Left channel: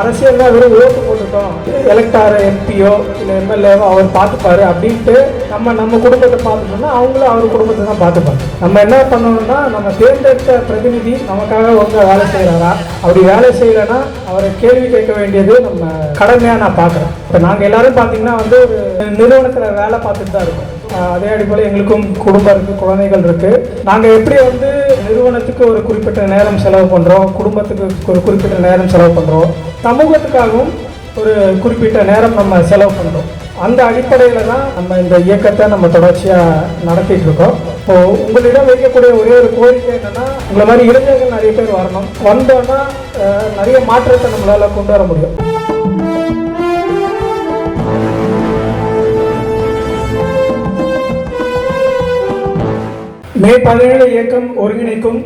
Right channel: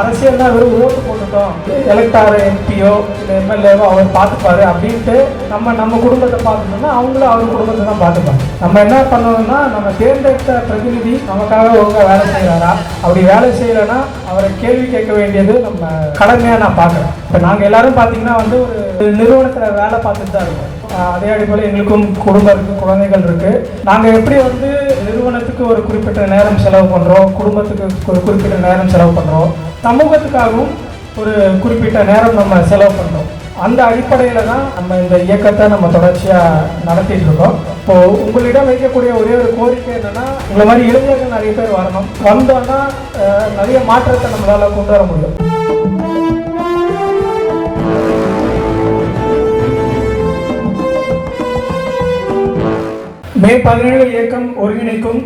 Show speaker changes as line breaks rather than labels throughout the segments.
அரசியல்னா வெறும் ஓட்டு போட்டுட்டோம். எலக்டார் எம்பியோ இல்லை எம்எல்ஏவோ அவர் பார்த்துப்பாரு அப்படின்ட்டு நம்ம நம்ம குடும்பத்தை பார்த்துட்டோம்னா அவங்களும் அவங்க குடும்பத்தை தான் பார்த்துப்பாங்க. நம்ம என்ன பண்ணணும்னா நம்ம தேர்ந்தெடுத்த பிரதிநிதி நமக்காக அவங்க வேலை செய்கிறாரா அப்படி வேலை செய்யலைன்னா அவரை கேள்வி கேட்க வேண்டியது நம்ம கடமையாக நான் பார்க்குறேன். இப்போ நாங்கள் எல்லாரும் பார்த்தீங்கன்னா வந்து ஒரு நிறுவனத்தில் வேலை பார்த்துட்டு தான் இருக்கோம். அதே அடிப்படையில் எங்களுக்கும் குடும்பம் இருக்குது குழந்தைகள் இருக்குது நாங்கள் எப்படி வந்து நிறுவனத்துக்கு ஒரு குறிப்பிட்ட நேரம் செலவு பண்ணுறோம் குடும்பத்துக்கு ஒரு குறிப்பிட்ட நேரம் செலவு பண்ணுறோம் சமூகத்துக்காகவும் ஒரு குறிப்பிட்ட நேரம் நம்ம செலவு பண்ணுறோம் அந்த அடிப்படையில் தான் நம்ம இந்த இயக்கத்தை நம்ம தொடர்ச்சியாக நடத்திட்டு இருக்கோம். இப்போ உங்களிடம் வைக்கக்கூடிய ஒரே ஒரு கோரிக்கை என்னன்னா இந்த மாதிரி இளைஞர்கள் நிறைய பேர் வரணும். வந்தோன்னா நிறைய மாற்றத்தை நம்மளால் கொண்டு வர முடியும். மே பதினேழு இயக்கம் ஒருங்கிணைக்கும்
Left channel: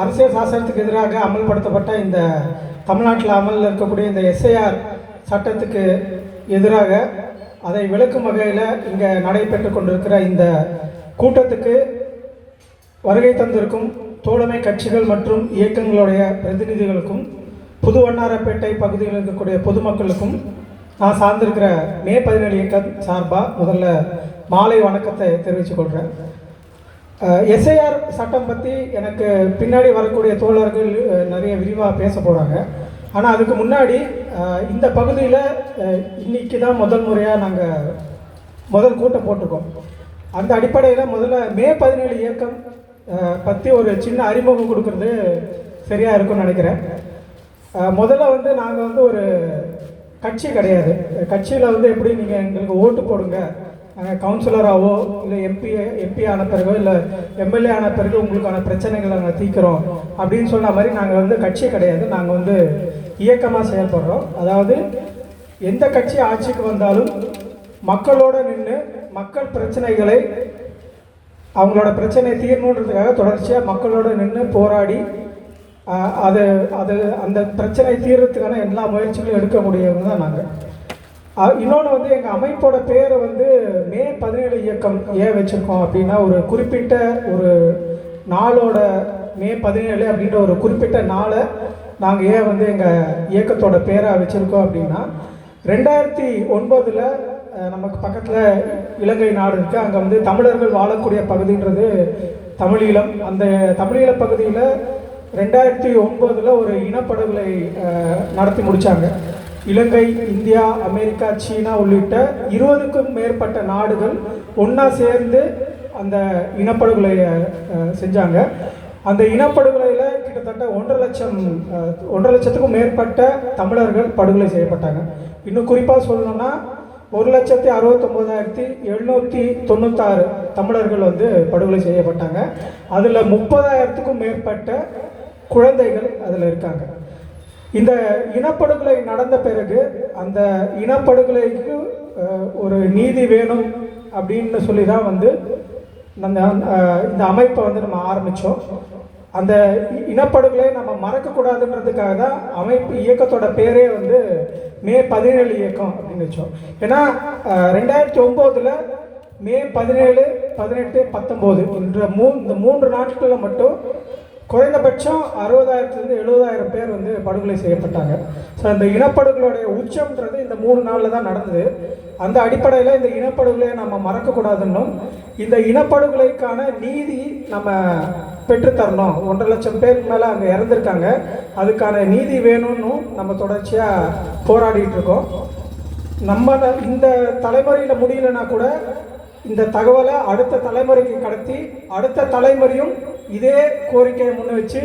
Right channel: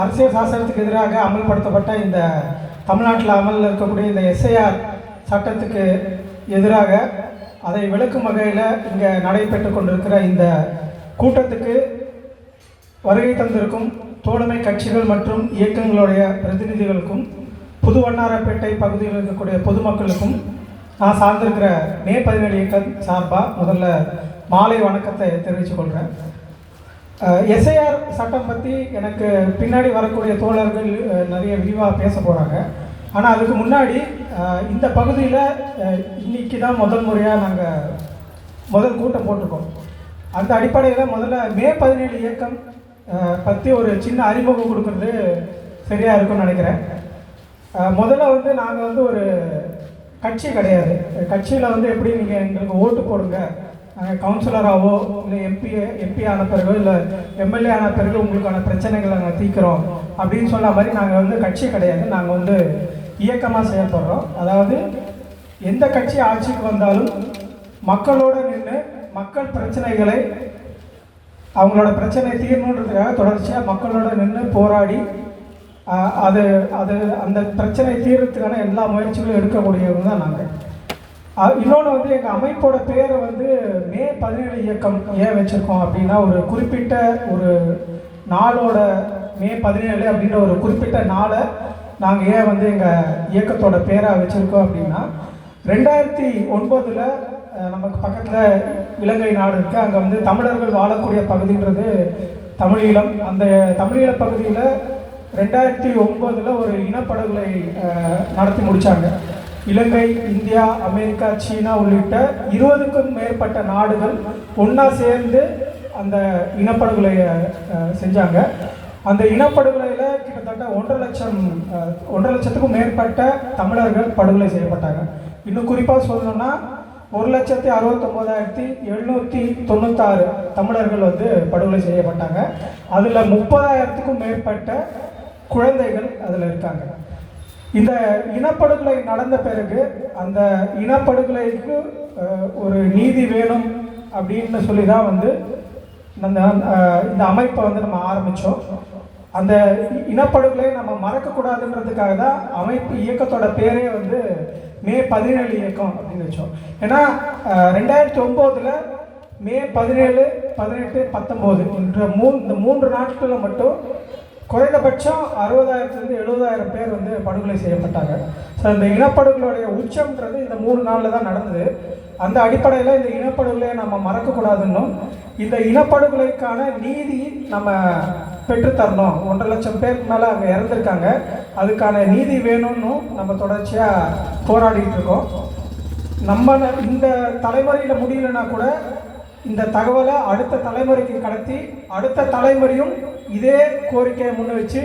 அரசியல் சாசனத்துக்கு எதிராக அமல்படுத்தப்பட்ட இந்த தமிழ்நாட்டில் அமலில் இருக்கக்கூடிய இந்த எஸ்ஐஆர் சட்டத்துக்கு எதிராக அதை விளக்கும் வகையில் இங்கே நடைபெற்று கொண்டிருக்கிற இந்த கூட்டத்துக்கு வருகை தந்திருக்கும் தோழமை கட்சிகள் மற்றும் இயக்கங்களுடைய பிரதிநிதிகளுக்கும் புது வண்ணாரப்பேட்டை பகுதியில் இருக்கக்கூடிய பொதுமக்களுக்கும் நான் சார்ந்திருக்கிற மே பதினேழு இயக்கம் சார்பாக முதல்ல மாலை வணக்கத்தை தெரிவித்துக் கொள்கிறேன். எஸ்ஐஆர் சட்டம் பற்றி எனக்கு பின்னாடி வரக்கூடிய தோழர்கள் நிறைய விரிவாக பேச போகிறாங்க ஆனால் அதுக்கு முன்னாடி இந்த பகுதியில் இன்னைக்கு தான் முதல் முறையாக நாங்கள் முதல் கூட்டம் போட்டிருக்கோம். அந்த அடிப்படையில் முதல்ல மே பதினேழு இயக்கம் பற்றி ஒரு சின்ன அறிமுகம் கொடுக்கறது சரியாக இருக்கும்னு நினைக்கிறேன். முதல்ல வந்து நாங்கள் வந்து ஒரு கட்சி கிடையாது. கட்சியில் வந்து எப்படி நீங்கள் எங்களுக்கு ஓட்டு போடுங்க நாங்கள் கவுன்சிலராகவோ இல்லை எம்பி எம்பி ஆன பிறகோ இல்லை எம்எல்ஏ ஆன பிறகு உங்களுக்கான பிரச்சனைகளை நாங்கள் தீர்க்கிறோம் அப்படின்னு சொன்ன மாதிரி நாங்கள் வந்து கட்சி கிடையாது. நாங்கள் வந்து இயக்கமாக செயல்படுறோம். அதாவது எந்த கட்சி ஆட்சிக்கு வந்தாலும் மக்களோடு நின்று மக்கள் பிரச்சனைகளை அவங்களோட பிரச்சனை தீரணுன்றதுக்காக தொடர்ச்சியாக மக்களோட நின்று போராடி அது அது அந்த பிரச்சனை தீர்றதுக்கான எல்லா முயற்சிகளும் எடுக்கக்கூடியவங்க தான் நாங்கள் இன்னொன்று வந்து எங்கள் அமைப்போட பேரை வந்து மே பதினேழு இயக்கம் ஏன் வச்சுருக்கோம் அப்படின்னா ஒரு குறிப்பிட்ட ஒரு நாளோட மே பதினேழு அப்படின்ற ஒரு குறிப்பிட்ட நாளை நாங்கள் ஏன் வந்து எங்கள் இயக்கத்தோட பேரை வச்சுருக்கோம் அப்படின்னா ரெண்டாயிரத்தி ஒன்பதில் நமக்கு பக்கத்தில் இலங்கை நாடு இருக்குது அங்கே வந்து தமிழர்கள் வாழக்கூடிய பகுதின்றது தமிழீழம் அந்த தமிழீழ பகுதியில் ரெண்டாயிரத்தி ஒன்பதில் ஒரு இனப்படுகொலை நடத்தி முடித்தாங்க இலங்கை இந்தியா அமெரிக்கா சீனா உள்ளிட்ட இருபதுக்கும் மேற்பட்ட நாடுகள் ஒன்றா சேர்ந்து அந்த இனப்படுகொலையை செஞ்சாங்க. அந்த இனப்படுகொலையில் கிட்டத்தட்ட ஒன்றரை லட்சம் ஒன்றரை லட்சத்துக்கும் மேற்பட்ட தமிழர்கள் படுகொலை செய்யப்பட்டாங்க. இன்னும் குறிப்பாக சொல்லணும்னா ஒரு லட்சத்தி அறுபத்தொம்போதாயிரத்தி எழுநூற்றி தொண்ணூத்தாறு தமிழர்கள் வந்து படுகொலை செய்யப்பட்டாங்க. அதில் முப்பதாயிரத்துக்கும் மேற்பட்ட குழந்தைகள் அதில் இருக்காங்க. இந்த இனப்படுகொலை நடந்த பிறகு அந்த இனப்படுகொலைக்கு ஒரு நீதி வேணும் அப்படின்னு சொல்லி தான் வந்து நம்ம இந்த அமைப்பை வந்து நம்ம ஆரம்பித்தோம் அந்த இனப்படுகொலை நம்ம மறக்கக்கூடாதுன்றதுக்காக தான் அமைப்பு இயக்கத்தோட பேரே வந்து மே பதினேழு இயக்கம் அப்படின்னு வச்சோம். ஏன்னா ரெண்டாயிரத்தி ஒம்போதில் மே பதினேழு பதினெட்டு பத்தொம்போது என்ற மூ இந்த மூன்று நாட்களில் மட்டும் குறைந்தபட்சம் அறுபதாயிரத்துலேருந்து எழுபதாயிரம் பேர் வந்து படுகொலை செய்யப்பட்டாங்க. ஸோ இந்த இனப்படுகொலையுடைய உச்சம்ன்றது இந்த மூணு நாளில் தான் நடந்தது. அந்த அடிப்படையில் இந்த இனப்படுகொலையை நம்ம மறக்கக்கூடாதுன்னும் இந்த இனப்படுகொலைக்கான நீதி நம்ம பெற்றுத்தரணும். ஒன்றரை லட்சம் பேருக்கு மேலே அங்கே இறந்துருக்காங்க. அதுக்கான நீதி வேணும்னு நம்ம தொடர்ச்சியாக போராடிட்டு இருக்கோம். நம்ம இந்த தலைமுறையில் முடியலன்னா கூட இந்த தகவலை அடுத்த தலைமுறைக்கு கடத்தி அடுத்த தலைமுறையும் இதே கோரிக்கையை முன் வச்சு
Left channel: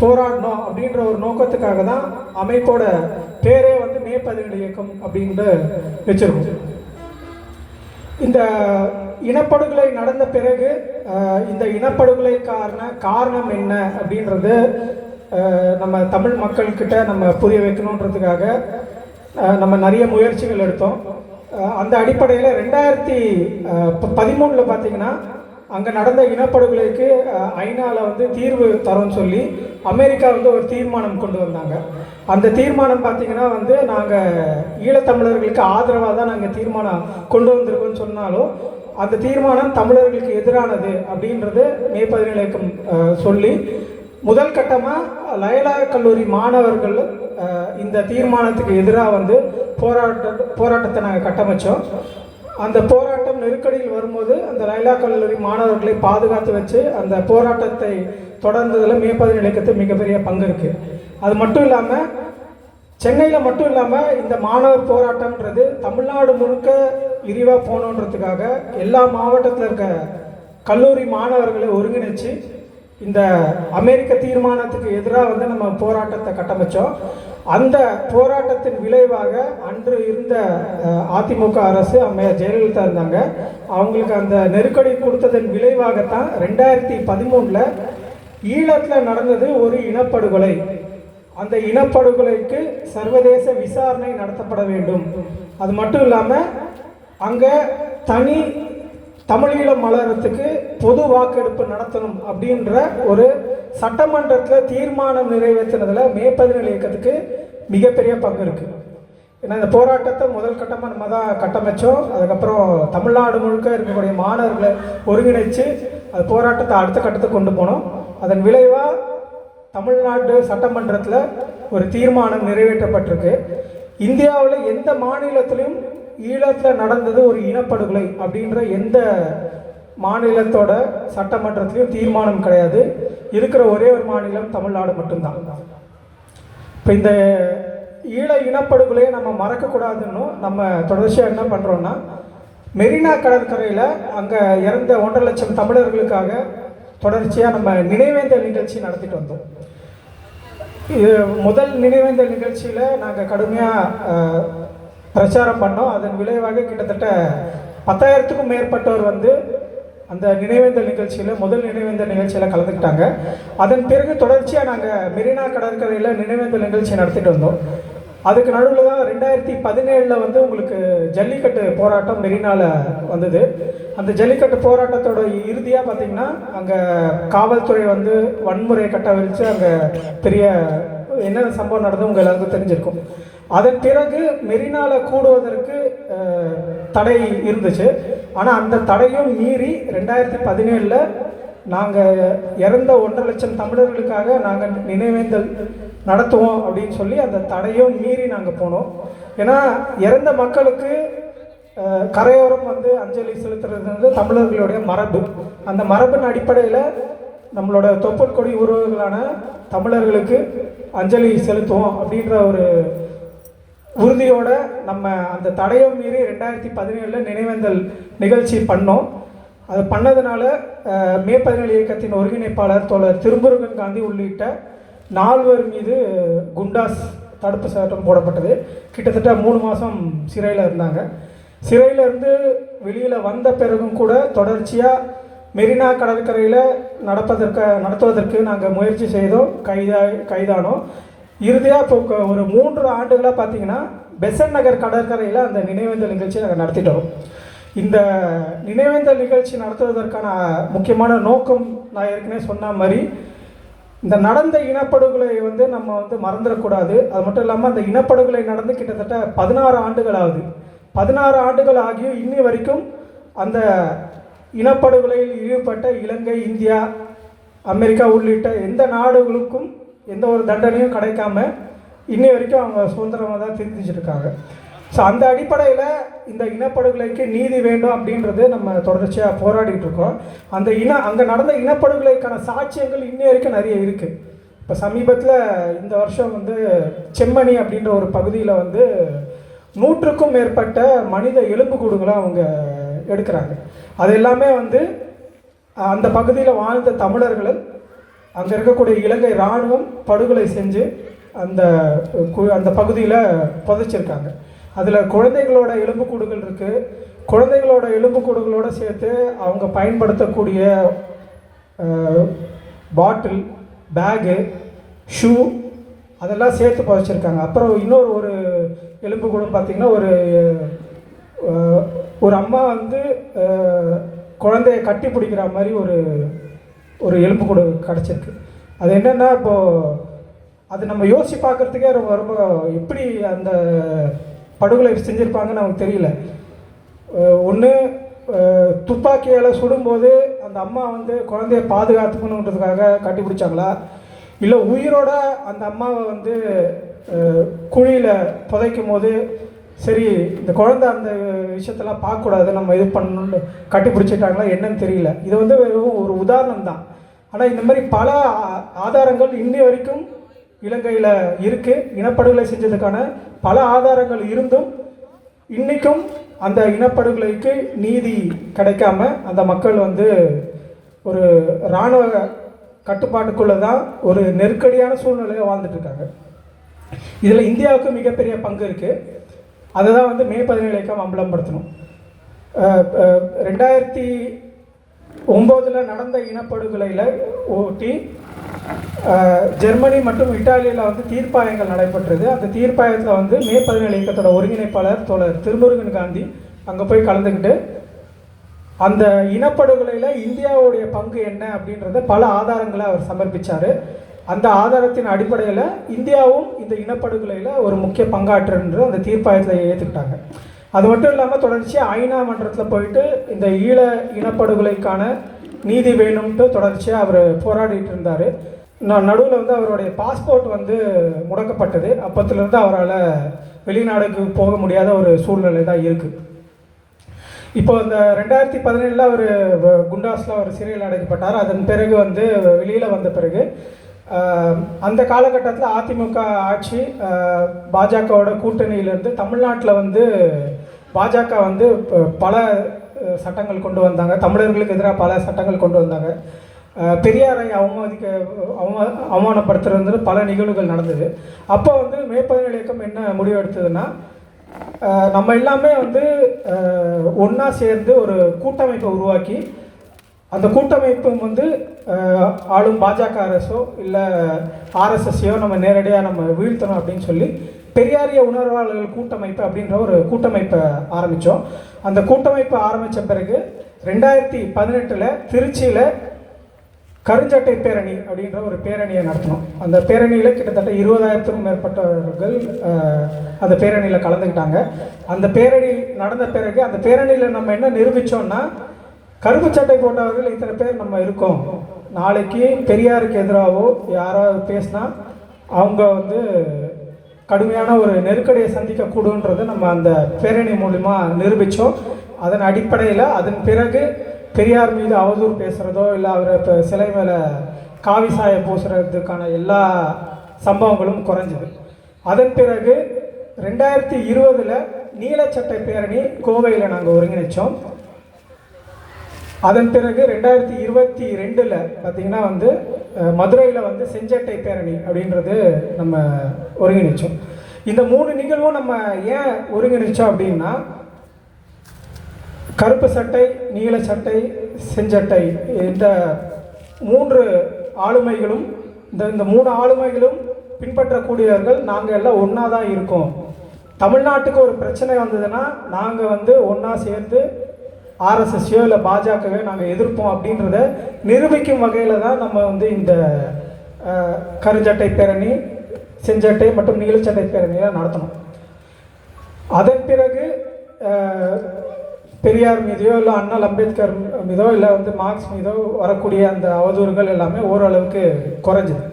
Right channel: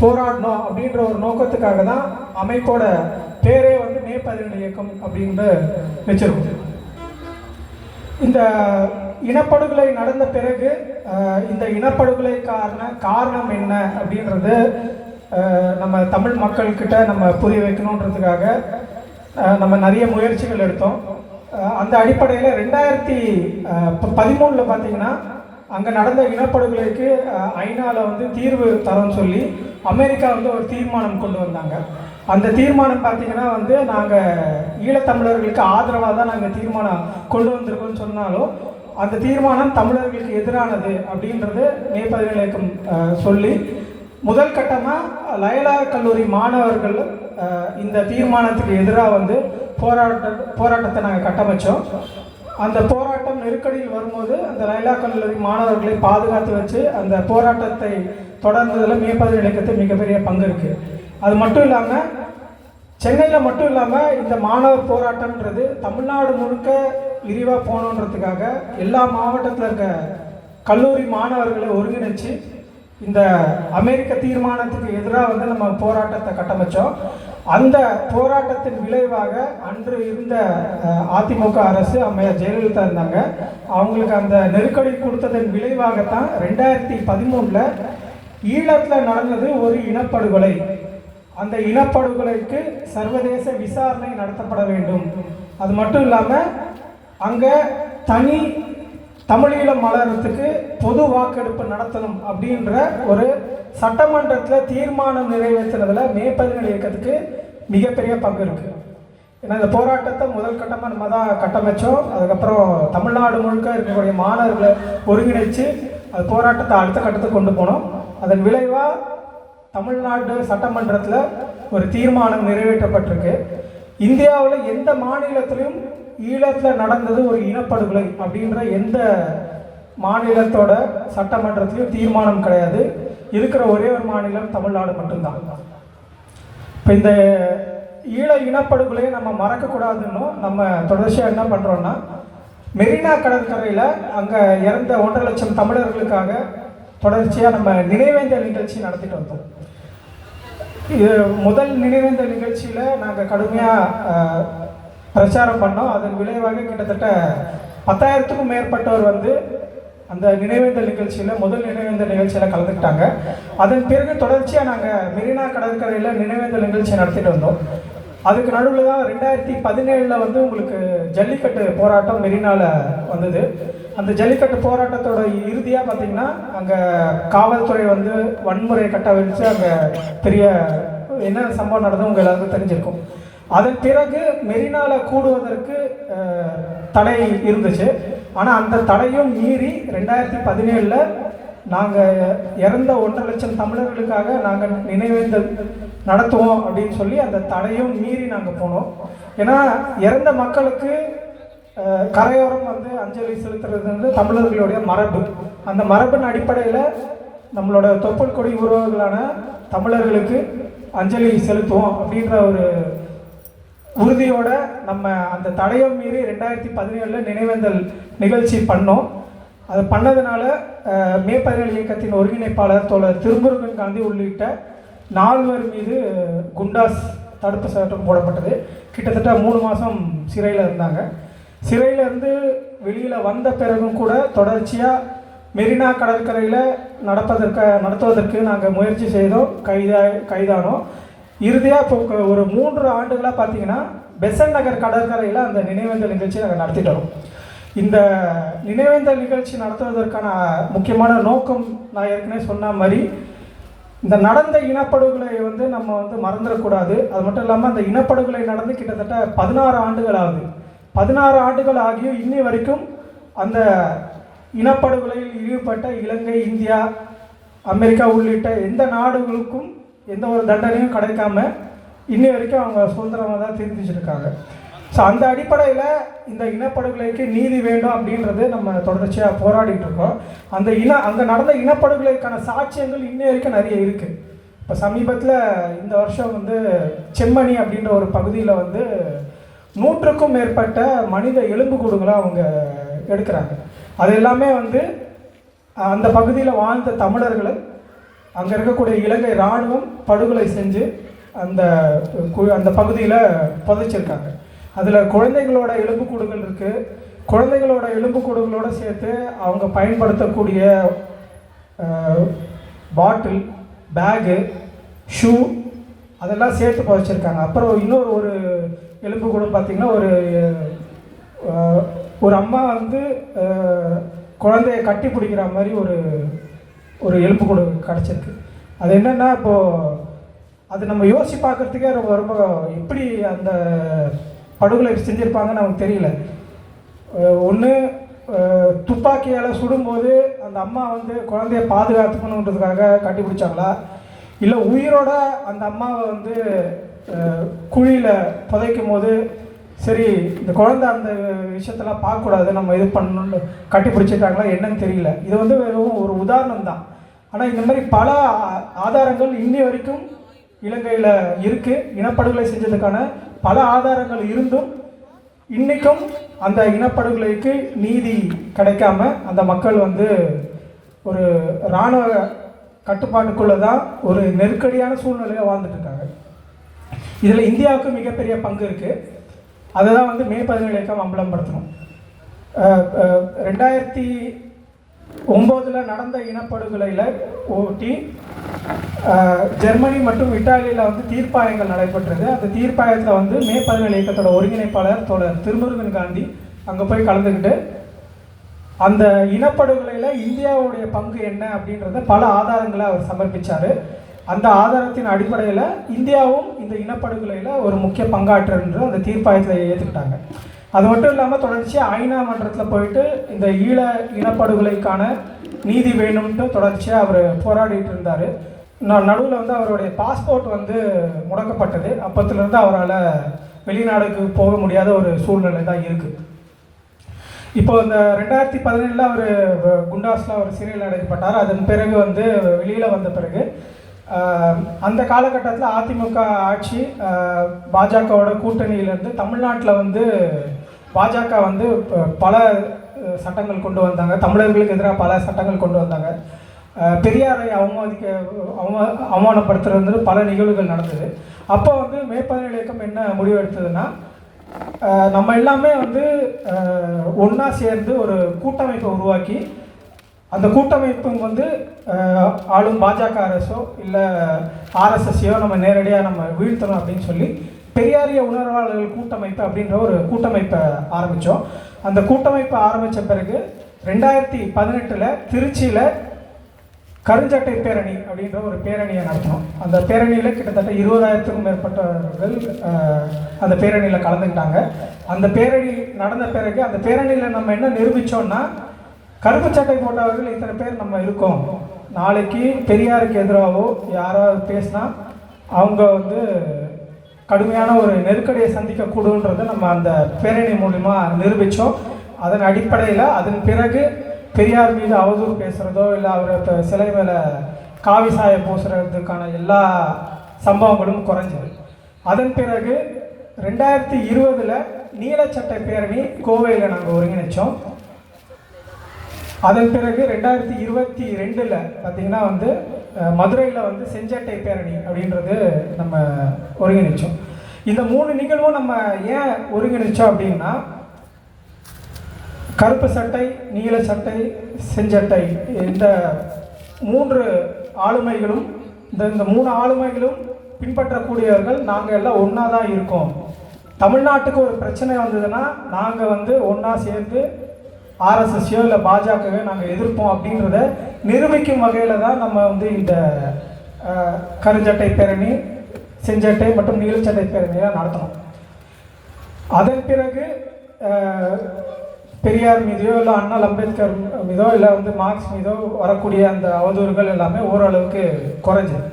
போராடணும் அப்படின்ற ஒரு நோக்கத்துக்காக தான் அமைப்போட பேரே வந்து மே பதினேழு இயக்கம் அப்படின்ட்டு வச்சிருக்கோம். இந்த இனப்படுகொலை நடந்த பிறகு இந்த இனப்படுகொலை காரண காரணம் என்ன அப்படின்றது நம்ம தமிழ் மக்கள்கிட்ட நம்ம புரிய வைக்கணுன்றதுக்காக நம்ம நிறைய முயற்சிகள் எடுத்தோம். அந்த அடிப்படையில் ரெண்டாயிரத்தி பதிமூணில் பார்த்தீங்கன்னா அங்கே நடந்த இனப்படுகொலைக்கு ஐநாவில் வந்து தீர்வு தரோம்னு சொல்லி அமெரிக்கா வந்து ஒரு தீர்மானம் கொண்டு வந்தாங்க. அந்த தீர்மானம் பார்த்தீங்கன்னா வந்து நாங்கள் ஈழத்தமிழர்களுக்கு ஆதரவாக தான் நாங்கள் தீர்மானம் கொண்டு வந்திருக்கோம்னு சொன்னாலும் அந்த தீர்மானம் தமிழர்களுக்கு எதிரானது அப்படின்றது மே பதினேழுக்கும் சொல்லி முதல் கட்டமாக லயலா கல்லூரி மாணவர்கள் இந்த தீர்மானத்துக்கு எதிராக வந்து போராட்ட போராட்டத்தை நாங்கள் கட்டமைச்சோம். அந்த போராட்டம் நெருக்கடியில் வரும்போது அந்த லைலா கல்லூரி மாணவர்களை பாதுகாத்து வச்சு அந்த போராட்டத்தை தொடர்ந்ததில் மேற்பதிவு இலக்கத்து மிகப்பெரிய பங்கு இருக்குது அது மட்டும் இல்லாமல் சென்னையில் மட்டும் இல்லாமல் இந்த மாணவர் போராட்டம்ன்றது தமிழ்நாடு முழுக்க விரிவாக போகணுன்றதுக்காக எல்லா மாவட்டத்தில் இருக்க கல்லூரி மாணவர்களை ஒருங்கிணைச்சு இந்த அமெரிக்க தீர்மானத்துக்கு எதிராக வந்து நம்ம போராட்டத்தை கட்டமைச்சோம். அந்த போராட்டத்தின் விளைவாக அன்று இருந்த அதிமுக அரசு அம்மையார் ஜெயலலிதா இருந்தாங்க. அவங்களுக்கு அந்த நெருக்கடி கொடுத்ததன் விளைவாகத்தான் ரெண்டாயிரத்தி பதிமூணில் ஈழத்தில் நடந்தது ஒரு இனப்படுகொலை. அந்த இனப்படுகொலைக்கு சர்வதேச விசாரணை நடத்தப்பட வேண்டும். அது மட்டும் இல்லாமல் அங்கே தனி தமிழீழம் மலரத்துக்கு பொது வாக்கெடுப்பு நடத்தணும் அப்படின்ற ஒரு சட்டமன்றத்தில் தீர்மானம் நிறைவேற்றினதில் மே பதினேழு இயக்கத்துக்கு மிகப்பெரிய பங்கு இருக்குது ஏன்னா இந்த போராட்டத்தை முதல் கட்டமாக நம்ம தான் கட்டமைச்சோம். அதுக்கப்புறம் தமிழ்நாடு முழுக்க இருக்கக்கூடிய மாணவர்களை ஒருங்கிணைச்சு அது போராட்டத்தை அடுத்த கட்டத்துக்கு கொண்டு போனோம். அதன் விளைவாக தமிழ்நாடு சட்டமன்றத்தில் ஒரு தீர்மானம் நிறைவேற்றப்பட்டிருக்கு. இந்தியாவில் எந்த மாநிலத்திலும் ஈழத்தில் நடந்தது ஒரு இனப்படுகொலை அப்படின்ற எந்த மாநிலத்தோட சட்டமன்றத்திலையும் தீர்மானம் கிடையாது. இருக்கிற ஒரே ஒரு மாநிலம் தமிழ்நாடு மட்டும்தான். இப்போ இந்த ஈழ இனப்படுகொலையை நம்ம மறக்கக்கூடாதுன்னு நம்ம தொடர்ச்சியாக என்ன பண்ணுறோன்னா மெரினா கடற்கரையில் அங்கே இறந்த ஒன்றரை லட்சம் தமிழர்களுக்காக தொடர்ச்சியாக நம்ம நினைவேந்தல் நிகழ்ச்சி நடத்திட்டு வந்தோம். இது முதல் நினைவேந்தல் நிகழ்ச்சியில் நாங்கள் கடுமையாக பிரச்சாரம் பண்ணோம். அதன் விளைவாக கிட்டத்தட்ட பத்தாயிரத்துக்கும் மேற்பட்டவர் வந்து அந்த நினைவேந்தல் நிகழ்ச்சியில் முதல் நினைவேந்தல் நிகழ்ச்சியில் கலந்துக்கிட்டாங்க. அதன் பிறகு தொடர்ச்சியாக நாங்கள் மெரினா கடற்கரையில் நினைவேந்தல் நிகழ்ச்சி நடத்திட்டு வந்தோம். அதுக்கு நடுவில் தான் ரெண்டாயிரத்தி பதினேழில் வந்து உங்களுக்கு ஜல்லிக்கட்டு போராட்டம் மெரினாவில் வந்தது. அந்த ஜல்லிக்கட்டு போராட்டத்தோட இறுதியாக பார்த்தீங்கன்னா அங்கே காவல்துறை வந்து வன்முறையை கட்டவிழ்த்து அங்கே பெரிய என்ன சம்பவம் நடந்தது உங்க எல்லாருக்கும் தெரிஞ்சிருக்கும். அதன் பிறகு மெரினாவில் கூடுவதற்கு தடை இருந்துச்சு. ஆனால் அந்த தடையும் மீறி ரெண்டாயிரத்தி பதினேழில் நாங்கள் இறந்த ஒன்றரை லட்சம் தமிழர்களுக்காக நாங்கள் நினைவேந்தல் நடத்துவோம் அப்படின்னு சொல்லி அந்த தடையும் மீறி நாங்கள் போனோம். ஏன்னா இறந்த மக்களுக்கு கரையோரம் வந்து அஞ்சலி செலுத்துறது வந்து தமிழர்களுடைய மரபு. அந்த மரபின் அடிப்படையில் நம்மளோட தொப்பல் கொடி உறவுகளான தமிழர்களுக்கு அஞ்சலி செலுத்துவோம் அப்படின்ற ஒரு உறுதியோட நம்ம அந்த தடையும் மீறி ரெண்டாயிரத்தி பதினேழில் நினைவேந்தல் நிகழ்ச்சி பண்ணோம். அது பண்ணதுனால மே பதினேழு இயக்கத்தின் ஒருங்கிணைப்பாளர் தோழர் திருமுருகன் காந்தி உள்ளிட்ட நால்வர் மீது குண்டாஸ் தடுப்பு சட்டம் போடப்பட்டது. கிட்டத்தட்ட மூணு மாதம் சிறையில் இருந்தாங்க. சிறையிலேருந்து வெளியில் வந்த பிறகும் கூட தொடர்ச்சியாக மெரினா கடற்கரையில் நடப்பதற்கு நடத்துவதற்கு நாங்கள் முயற்சி செய்தோம். கைதா கைதானோம். இறுதியாக இப்போ ஒரு மூன்று ஆண்டுகளாக பார்த்தீங்கன்னா பெசன் நகர் கடற்கரையில் அந்த நினைவேந்தல் நிகழ்ச்சியை நாங்கள் நடத்திட்டோம் இந்த நினைவேந்தல் நிகழ்ச்சி நடத்துவதற்கான முக்கியமான நோக்கம் நான் ஏற்கனவே சொன்ன மாதிரி இந்த நடந்த இனப்படுகொலை வந்து நம்ம வந்து மறந்துடக்கூடாது. அது மட்டும் இல்லாமல் அந்த இனப்படுகொலை நடந்து கிட்டத்தட்ட பதினாறு ஆண்டுகள் ஆகுது. பதினாறு ஆண்டுகள் ஆகியும் இன்னி வரைக்கும் அந்த இனப்படுகொலையில் ஈடுபட்ட இலங்கை இந்தியா அமெரிக்கா உள்ளிட்ட எந்த நாடுகளுக்கும் எந்த ஒரு தண்டனையும் கிடைக்காம இன்னி வரைக்கும் அவங்க சுதந்திரமாக தான் தெரிஞ்சிருக்காங்க இருக்காங்க ஸோ அந்த அடிப்படையில் இந்த இனப்படுகொலைக்கு நீதி வேண்டும் அப்படின்றது நம்ம தொடர்ச்சியாக போராடிட்டு இருக்கோம். அந்த இன அங்கே நடந்த இனப்படுகொலைக்கான சாட்சியங்கள் இன்னி வரைக்கும் நிறைய இருக்குது இப்போ சமீபத்தில் இந்த வருஷம் வந்து செம்மணி அப்படின்ற ஒரு பகுதியில் வந்து நூற்றுக்கும் மேற்பட்ட மனித எலும்புக்கூடுகளாக அவங்க எடுக்கிறாங்க. அது எல்லாமே வந்து அந்த பகுதியில் வாழ்ந்த தமிழர்கள் அங்கே இருக்கக்கூடிய இலங்கை இராணுவம் படுகொலை செஞ்சு அந்த கு- அந்த பகுதியில் புதைச்சிருக்காங்க. அதில் குழந்தைகளோட எலும்புக்கூடுகள் இருக்குது குழந்தைகளோட எலும்புக்கூடுகளோடு சேர்த்து அவங்க பயன்படுத்தக்கூடிய பாட்டில் பேகு ஷூ அதெல்லாம் சேர்த்து பறிச்சிருக்காங்க. அப்புறம் இன்னொரு ஒரு எலும்பு கூட பார்த்தீங்கன்னா ஒரு ஒரு அம்மா வந்து குழந்தைய கட்டி பிடிக்கிற மாதிரி ஒரு ஒரு எலும்பு கூட கிடச்சிருக்கு. அது என்னென்னா இப்போது அது நம்ம யோசிச்சு பார்க்கறதுக்கே ரொம்ப ரொம்ப எப்படி அந்த படுகொலை செஞ்சுருப்பாங்கன்னு நமக்கு தெரியல. ஒன்று துப்பாக்கியால் சுடும்போது அந்த அம்மா வந்து குழந்தைய பாதுகாத்துக்கணுன்றதுக்காக கட்டிப்பிடிச்சாங்களா? இல்லை உயிரோட அந்த அம்மாவை வந்து குழியில் புதைக்கும் போது சரி இந்த குழந்தை அந்த விஷயத்தெல்லாம் பார்க்கக்கூடாது நம்ம இது பண்ணணும்னு கட்டிப்பிடிச்சிட்டாங்களா என்னன்னு தெரியல. இது வந்து வெறும் ஒரு உதாரணம் தான். ஆனால் இந்த மாதிரி பல ஆதாரங்கள் இன்னி வரைக்கும் இலங்கையில் இருக்குது இனப்படுகொலை செஞ்சதுக்கான பல ஆதாரங்கள் இருந்தும் இன்றைக்கும் அந்த இனப்படுகொலைக்கு நீதி கிடைக்காம அந்த மக்கள் வந்து ஒரு இராணுவ கட்டுப்பாட்டுக்குள்ளே தான் ஒரு நெருக்கடியான சூழ்நிலையில் வாழ்ந்துட்டுருக்காங்க இதில் இந்தியாவுக்கு மிகப்பெரிய பங்கு இருக்குது அதை தான் வந்து மே பதினேழு இயக்கம் அம்பலப்படுத்தணும். ரெண்டாயிரத்தி ஒம்போதில் நடந்த இனப்படுகொலையில் ஓட்டி ஜெர்மனி மற்றும் இட்டாலியில் வந்து தீர்ப்பாயங்கள் நடைபெற்றது. அந்த தீர்ப்பாயத்தில் வந்து மே பதினேழு இயக்கத்தோட ஒருங்கிணைப்பாளர் தோழர் திருமுருகன் காந்தி அங்கே போய் கலந்துக்கிட்டு அந்த இனப்படுகொலையில் இந்தியாவுடைய பங்கு என்ன அப்படின்றத பல ஆதாரங்களை அவர் சமர்ப்பிச்சார். அந்த ஆதாரத்தின் அடிப்படையில் இந்தியாவும் இந்த இனப்படுகொலையில் ஒரு முக்கிய பங்காற்றுன்றது அந்த தீர்ப்பாயத்தில் ஏற்றுக்கிட்டாங்க அது மட்டும் இல்லாமல் தொடர்ச்சியாக ஐநா மன்றத்தில் போயிட்டு இந்த ஈழ இனப்படுகொலைக்கான நீதி வேணும்ட்டு தொடர்ச்சியாக அவர் போராடிட்டு இருந்தார். நான் நடுவில் வந்து அவருடைய பாஸ்போர்ட் வந்து முடக்கப்பட்டது. அப்பத்துலேருந்து அவரால் வெளிநாடுக்கு போக முடியாத ஒரு சூழ்நிலை தான் இருக்குது இப்போ அந்த ரெண்டாயிரத்தி பதினேழில் அவர் குண்டாஸில் அவர் சிறையில் அடைக்கப்பட்டார். அதன் பிறகு வந்து வெளியில் வந்த பிறகு அந்த காலகட்டத்தில் அதிமுக ஆட்சி பாஜகவோட கூட்டணியிலேருந்து தமிழ்நாட்டில் வந்து பாஜக வந்து பல சட்டங்கள் கொண்டு வந்தாங்க. தமிழர்களுக்கு எதிராக பல சட்டங்கள் கொண்டு வந்தாங்க. பெரியாரை அவமதிக்க அவமா அவமானப்படுத்துறது பல நிகழ்வுகள் நடந்தது. அப்போ வந்து மே பதினேழு இயக்கம் என்ன முடிவு எடுத்ததுன்னா நம்ம எல்லாமே வந்து ஒன்றா சேர்ந்து ஒரு கூட்டமைப்பை உருவாக்கி அந்த கூட்டமைப்பு வந்து ஆளும் பாஜக அரசோ இல்லை ஆர்எஸ்எஸ்ஸையோ நம்ம நேரடியாக நம்ம வீழ்த்தணும் அப்படின்னு சொல்லி பெரியாரிய உணர்வாளர்கள் கூட்டமைப்பு அப்படின்ற ஒரு கூட்டமைப்பை ஆரம்பித்தோம் அந்த கூட்டமைப்பை ஆரம்பித்த பிறகு ரெண்டாயிரத்தி பதினெட்டில் திருச்சியில் கருஞ்சட்டை பேரணி அப்படின்ற ஒரு பேரணியை நடத்தினோம் அந்த பேரணியில் கிட்டத்தட்ட இருபதாயிரத்துக்கும் மேற்பட்டவர்கள் அந்த பேரணியில் கலந்துக்கிட்டாங்க. அந்த பேரணி நடந்த பிறகு அந்த பேரணியில் நம்ம என்ன நிரூபித்தோம்னா கருப்பு சட்டை போட்டவர்கள் இத்தனை பேர் நம்ம இருக்கோம். நாளைக்கு பெரியாருக்கு எதிராகவோ யாராவது பேசினா அவங்க வந்து கடுமையான ஒரு நெருக்கடியை சந்திக்கக்கூடுன்றதை நம்ம அந்த பேரணி மூலிமா நிரூபித்தோம் அதன் அடிப்படையில் அதன் பிறகு பெரியார் மீது அவதூறு பேசுகிறதோ இல்லை அவர் இப்போ சிலை மேலே காவி சாயம் பூசுறதுக்கான எல்லா சம்பவங்களும் குறைஞ்சது. அதன் பிறகு ரெண்டாயிரத்தி இருபதில் நீலச்சட்டை பேரணி கோவையில் நாங்கள் ஒருங்கிணைச்சோம். அதன் பிறகு ரெண்டாயிரத்தி இருபத்தி ரெண்டில் பார்த்தீங்கன்னா வந்து மதுரையில் வந்து செஞ்சட்டை பேரணி அப்படின்றது நம்ம ஒருங்கிணைச்சோம். இந்த மூணு நிகழ்வும் நம்ம ஏன் ஒருங்கிணைச்சோம் அப்படின்னா கருப்பு சட்டை நீல சட்டை செஞ்சட்டை. இந்த மூன்று ஆளுமைகளும் இந்த இந்த மூணு ஆளுமைகளும் பின்பற்றக்கூடியவர்கள் நாங்கள் எல்லாம் ஒன்றா தான் இருக்கோம். தமிழ்நாட்டுக்கு ஒரு பிரச்சனை வந்ததுன்னா நாங்கள் வந்து ஒன்றா சேர்ந்து ஆர்எஸ்எஸ்யோ இல்லை பாஜகவே நாங்கள் எதிர்ப்போம் அப்படின்றத நிரூபிக்கும் வகையில் தான் நம்ம வந்து இந்த கருஞ்சட்டை பேரணி செஞ்சட்டை மற்றும் நீலச்சட்டை பேரணியெல்லாம் நடத்தணும். அதன் பிறகு பெரியார் மீதோ இல்லை அண்ணல் அம்பேத்கர் மீதோ இல்லை வந்து மார்க்ஸ் மீதோ வரக்கூடிய அந்த அவதூறுகள் எல்லாமே ஓரளவுக்கு குறைஞ்சது.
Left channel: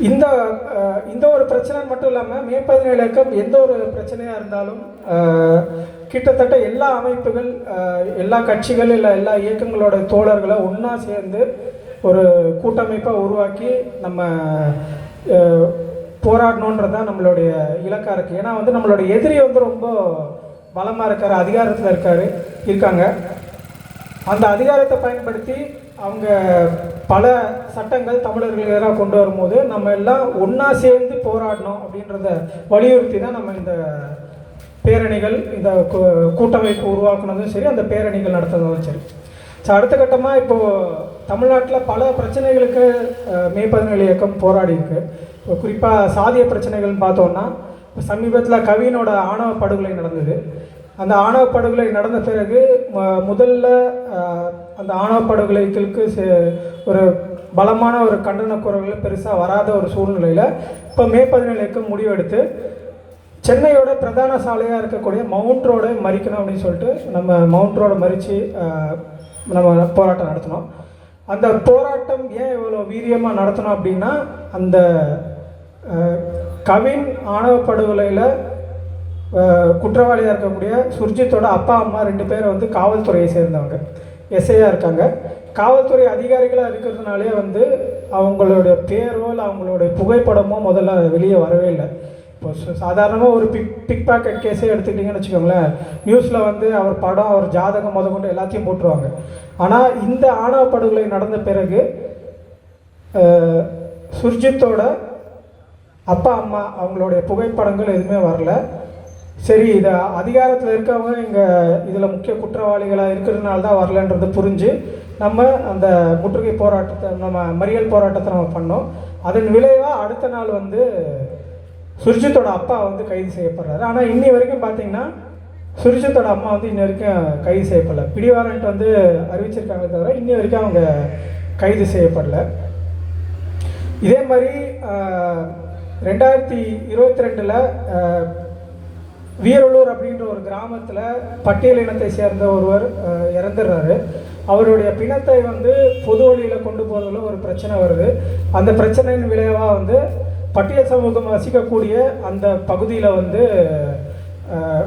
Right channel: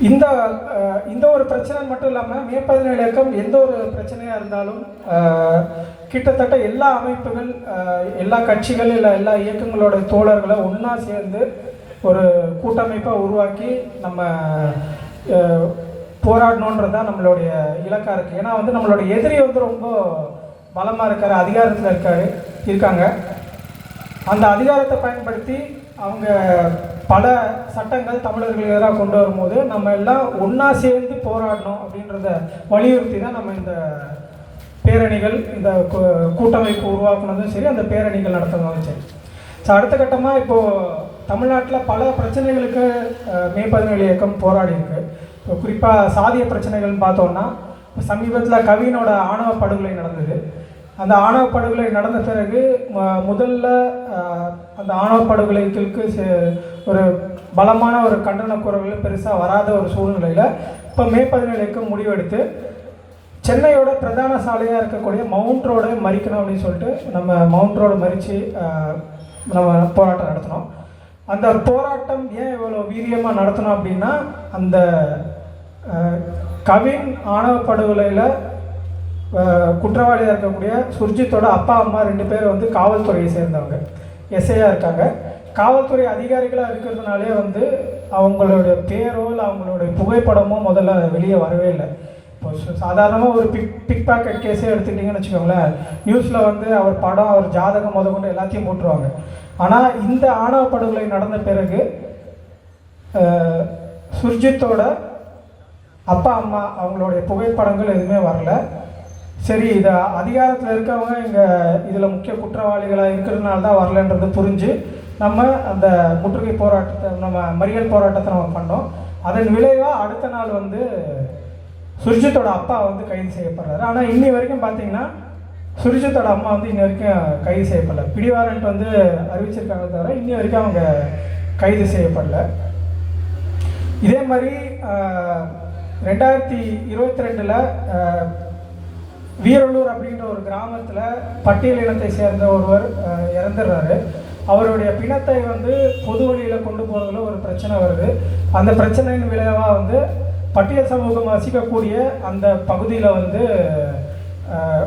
இந்த இந்த ஒரு பிரச்சனை மட்டும் இல்லாமல் மே பதினேழு இயக்கம் எந்த ஒரு பிரச்சனையாக இருந்தாலும் கிட்டத்தட்ட எல்லா அமைப்புகள் எல்லா கட்சிகள் இல்லை எல்லா இயக்கங்களோட தோழர்களை ஒன்றா சேர்ந்து ஒரு கூட்டமைப்பாக உருவாக்கி நம்ம போராடணுன்றது தான் நம்மளுடைய இலக்காக இருக்குது ஏன்னா வந்து நம்மளுடைய எதிரி வந்து ரொம்ப பலமாக இருக்கார் அதிகாரத்தில் இருக்காரு இருக்காங்க. அந்த அதிகாரத்தை பயன்படுத்தி அவங்க பல சட்டங்கள் தமிழர்கள் எதிராக கொண்டு வரும்போது நம்ம எல்லாம் ஒன்றா சேர்ந்து போராடணும் அப்படின்றத வலியுறுத்தி தான் நம்ம இந்த பேரணிகள் இந்த கூட்டமைப்பு உருவாக்குனதும் சரி அந்த பேரணிகள் நடத்துனதும் சரி. ஸோ அடுத்த கட்டமாக இப்போது தமிழ்நாட்டில் பல பிரச்சனைகளுக்கு அஹ், மே பதினேழு இயக்கம் போராடி இருக்கு இப்போ குறிப்பாக சாதிய பிரச்சனைகள்னு பார்த்தோம்னா சமீபத்தில் கவினோட ஆணவ படுகொலை நடந்தது. அந்த ஆணவ படுகொலை நடந்த பிறகு முதல்ல அந்த ஆணவ படுகொலைகளுக்கு ஒரு பலமான ஒரு கண்டன குரல்கள் பெருசாக வராத ஒரு சூழ்நிலையில் இப்போ மே பதினேழுக்கு முடிவெடுத்து சென்னையோட பிரதான சாலையாக இருக்கக்கூடிய மவுண்ட் ரோடை மறிக்கணும் அப்படின்னு சொல்லிட்டு நம்ம மவுண்ட் ரோடை மறித்து நம்ம போராட்டம் நடத்தினோம். அந்த போராட்டம் ஏன் இவ்வளோ வீரியமாக நடத்தணும் அப்படின்னா அந்த கவின் ஆணவ படுகொலையில் குற்றவாளியாக இருக்கக்கூடிய சுர்ஜித்தோட அப்பா அம்மா ரெண்டு பேரும் வந்து காவல்துறையை சேர்ந்தவங்க. எஸ்ஐயாக இருக்காங்க. காவல்துறை அதிகாரிகளாக இருக்கிறதுனாலே வந்து அவங்களுடைய பேரோ இல்லை அவங்களுடைய புகைப்படமோ முதல்ல வெளியே வரவே இல்லை. இப்போ சாதாரணமாக ஒரு பிக் பிக் பேக்கெட் கேஸே எடுத்துக்கிட்டிங்கன்னு வச்சுக்கோங்களேன். நியூஸில் வந்து அவர் படம் அவர் ஜாதகம் முத கொண்டு எல்லாத்தையும் போட்டுருவாங்க. ஆனால் இந்த ஆணவ படுகொலை நடந்த பிறகு சுர்ஜித்தோட அப்பா அம்மா அவங்களுடைய புகைப்படங்கள் எதுவுமே வரல. சரி இதை அதிகாரத்தில் இருக்கவங்க இங்கே இதில் முக்கிய குற்றவாளிகளாக இருக்கிறதுனால தான் வரலன்றது புரிஞ்சு நம்ம அந்த முற்றுகை போராட்டத்தை நம்ம மறியல் போராட்டத்தை நம்ம பண்ணோம். அதன் விளைவாக அடுத்த நாள் வந்து சுர்ஜித்தோட அப்பா வந்து கைது செய்யப்படுறாரு. ஆனால் இன்னி வரைக்கும் பார்த்தீங்கன்னா சுர்ஜித்தோட அம்மா வந்து இன்னி வரைக்கும் கைது செய்யப்படல. பிடிவாரண்ட் வந்து அறிவிச்சிருக்காங்க தவிர இன்னி வரைக்கும் அவங்க கைது செய்யப்படல. இதே மாதிரி ரெண்டாயிரத்தி இருபத்தி ரெண்டில் வீரலூர் அப்படின்ற ஒரு கிராமத்தில் பட்டியல் இனத்தை சேர்ந்த ஒருவர் இறந்துடுறாரு. அவருடைய பிணத்தை வந்து பொது வழியில் கொண்டு போகிறதுல ஒரு பிரச்சனை வருது. அந்த பிரச்சனையின் விளைவாக வந்து பட்டியல் சமூகம் வசிக்கக்கூடிய அந்த பகுதியில் வந்து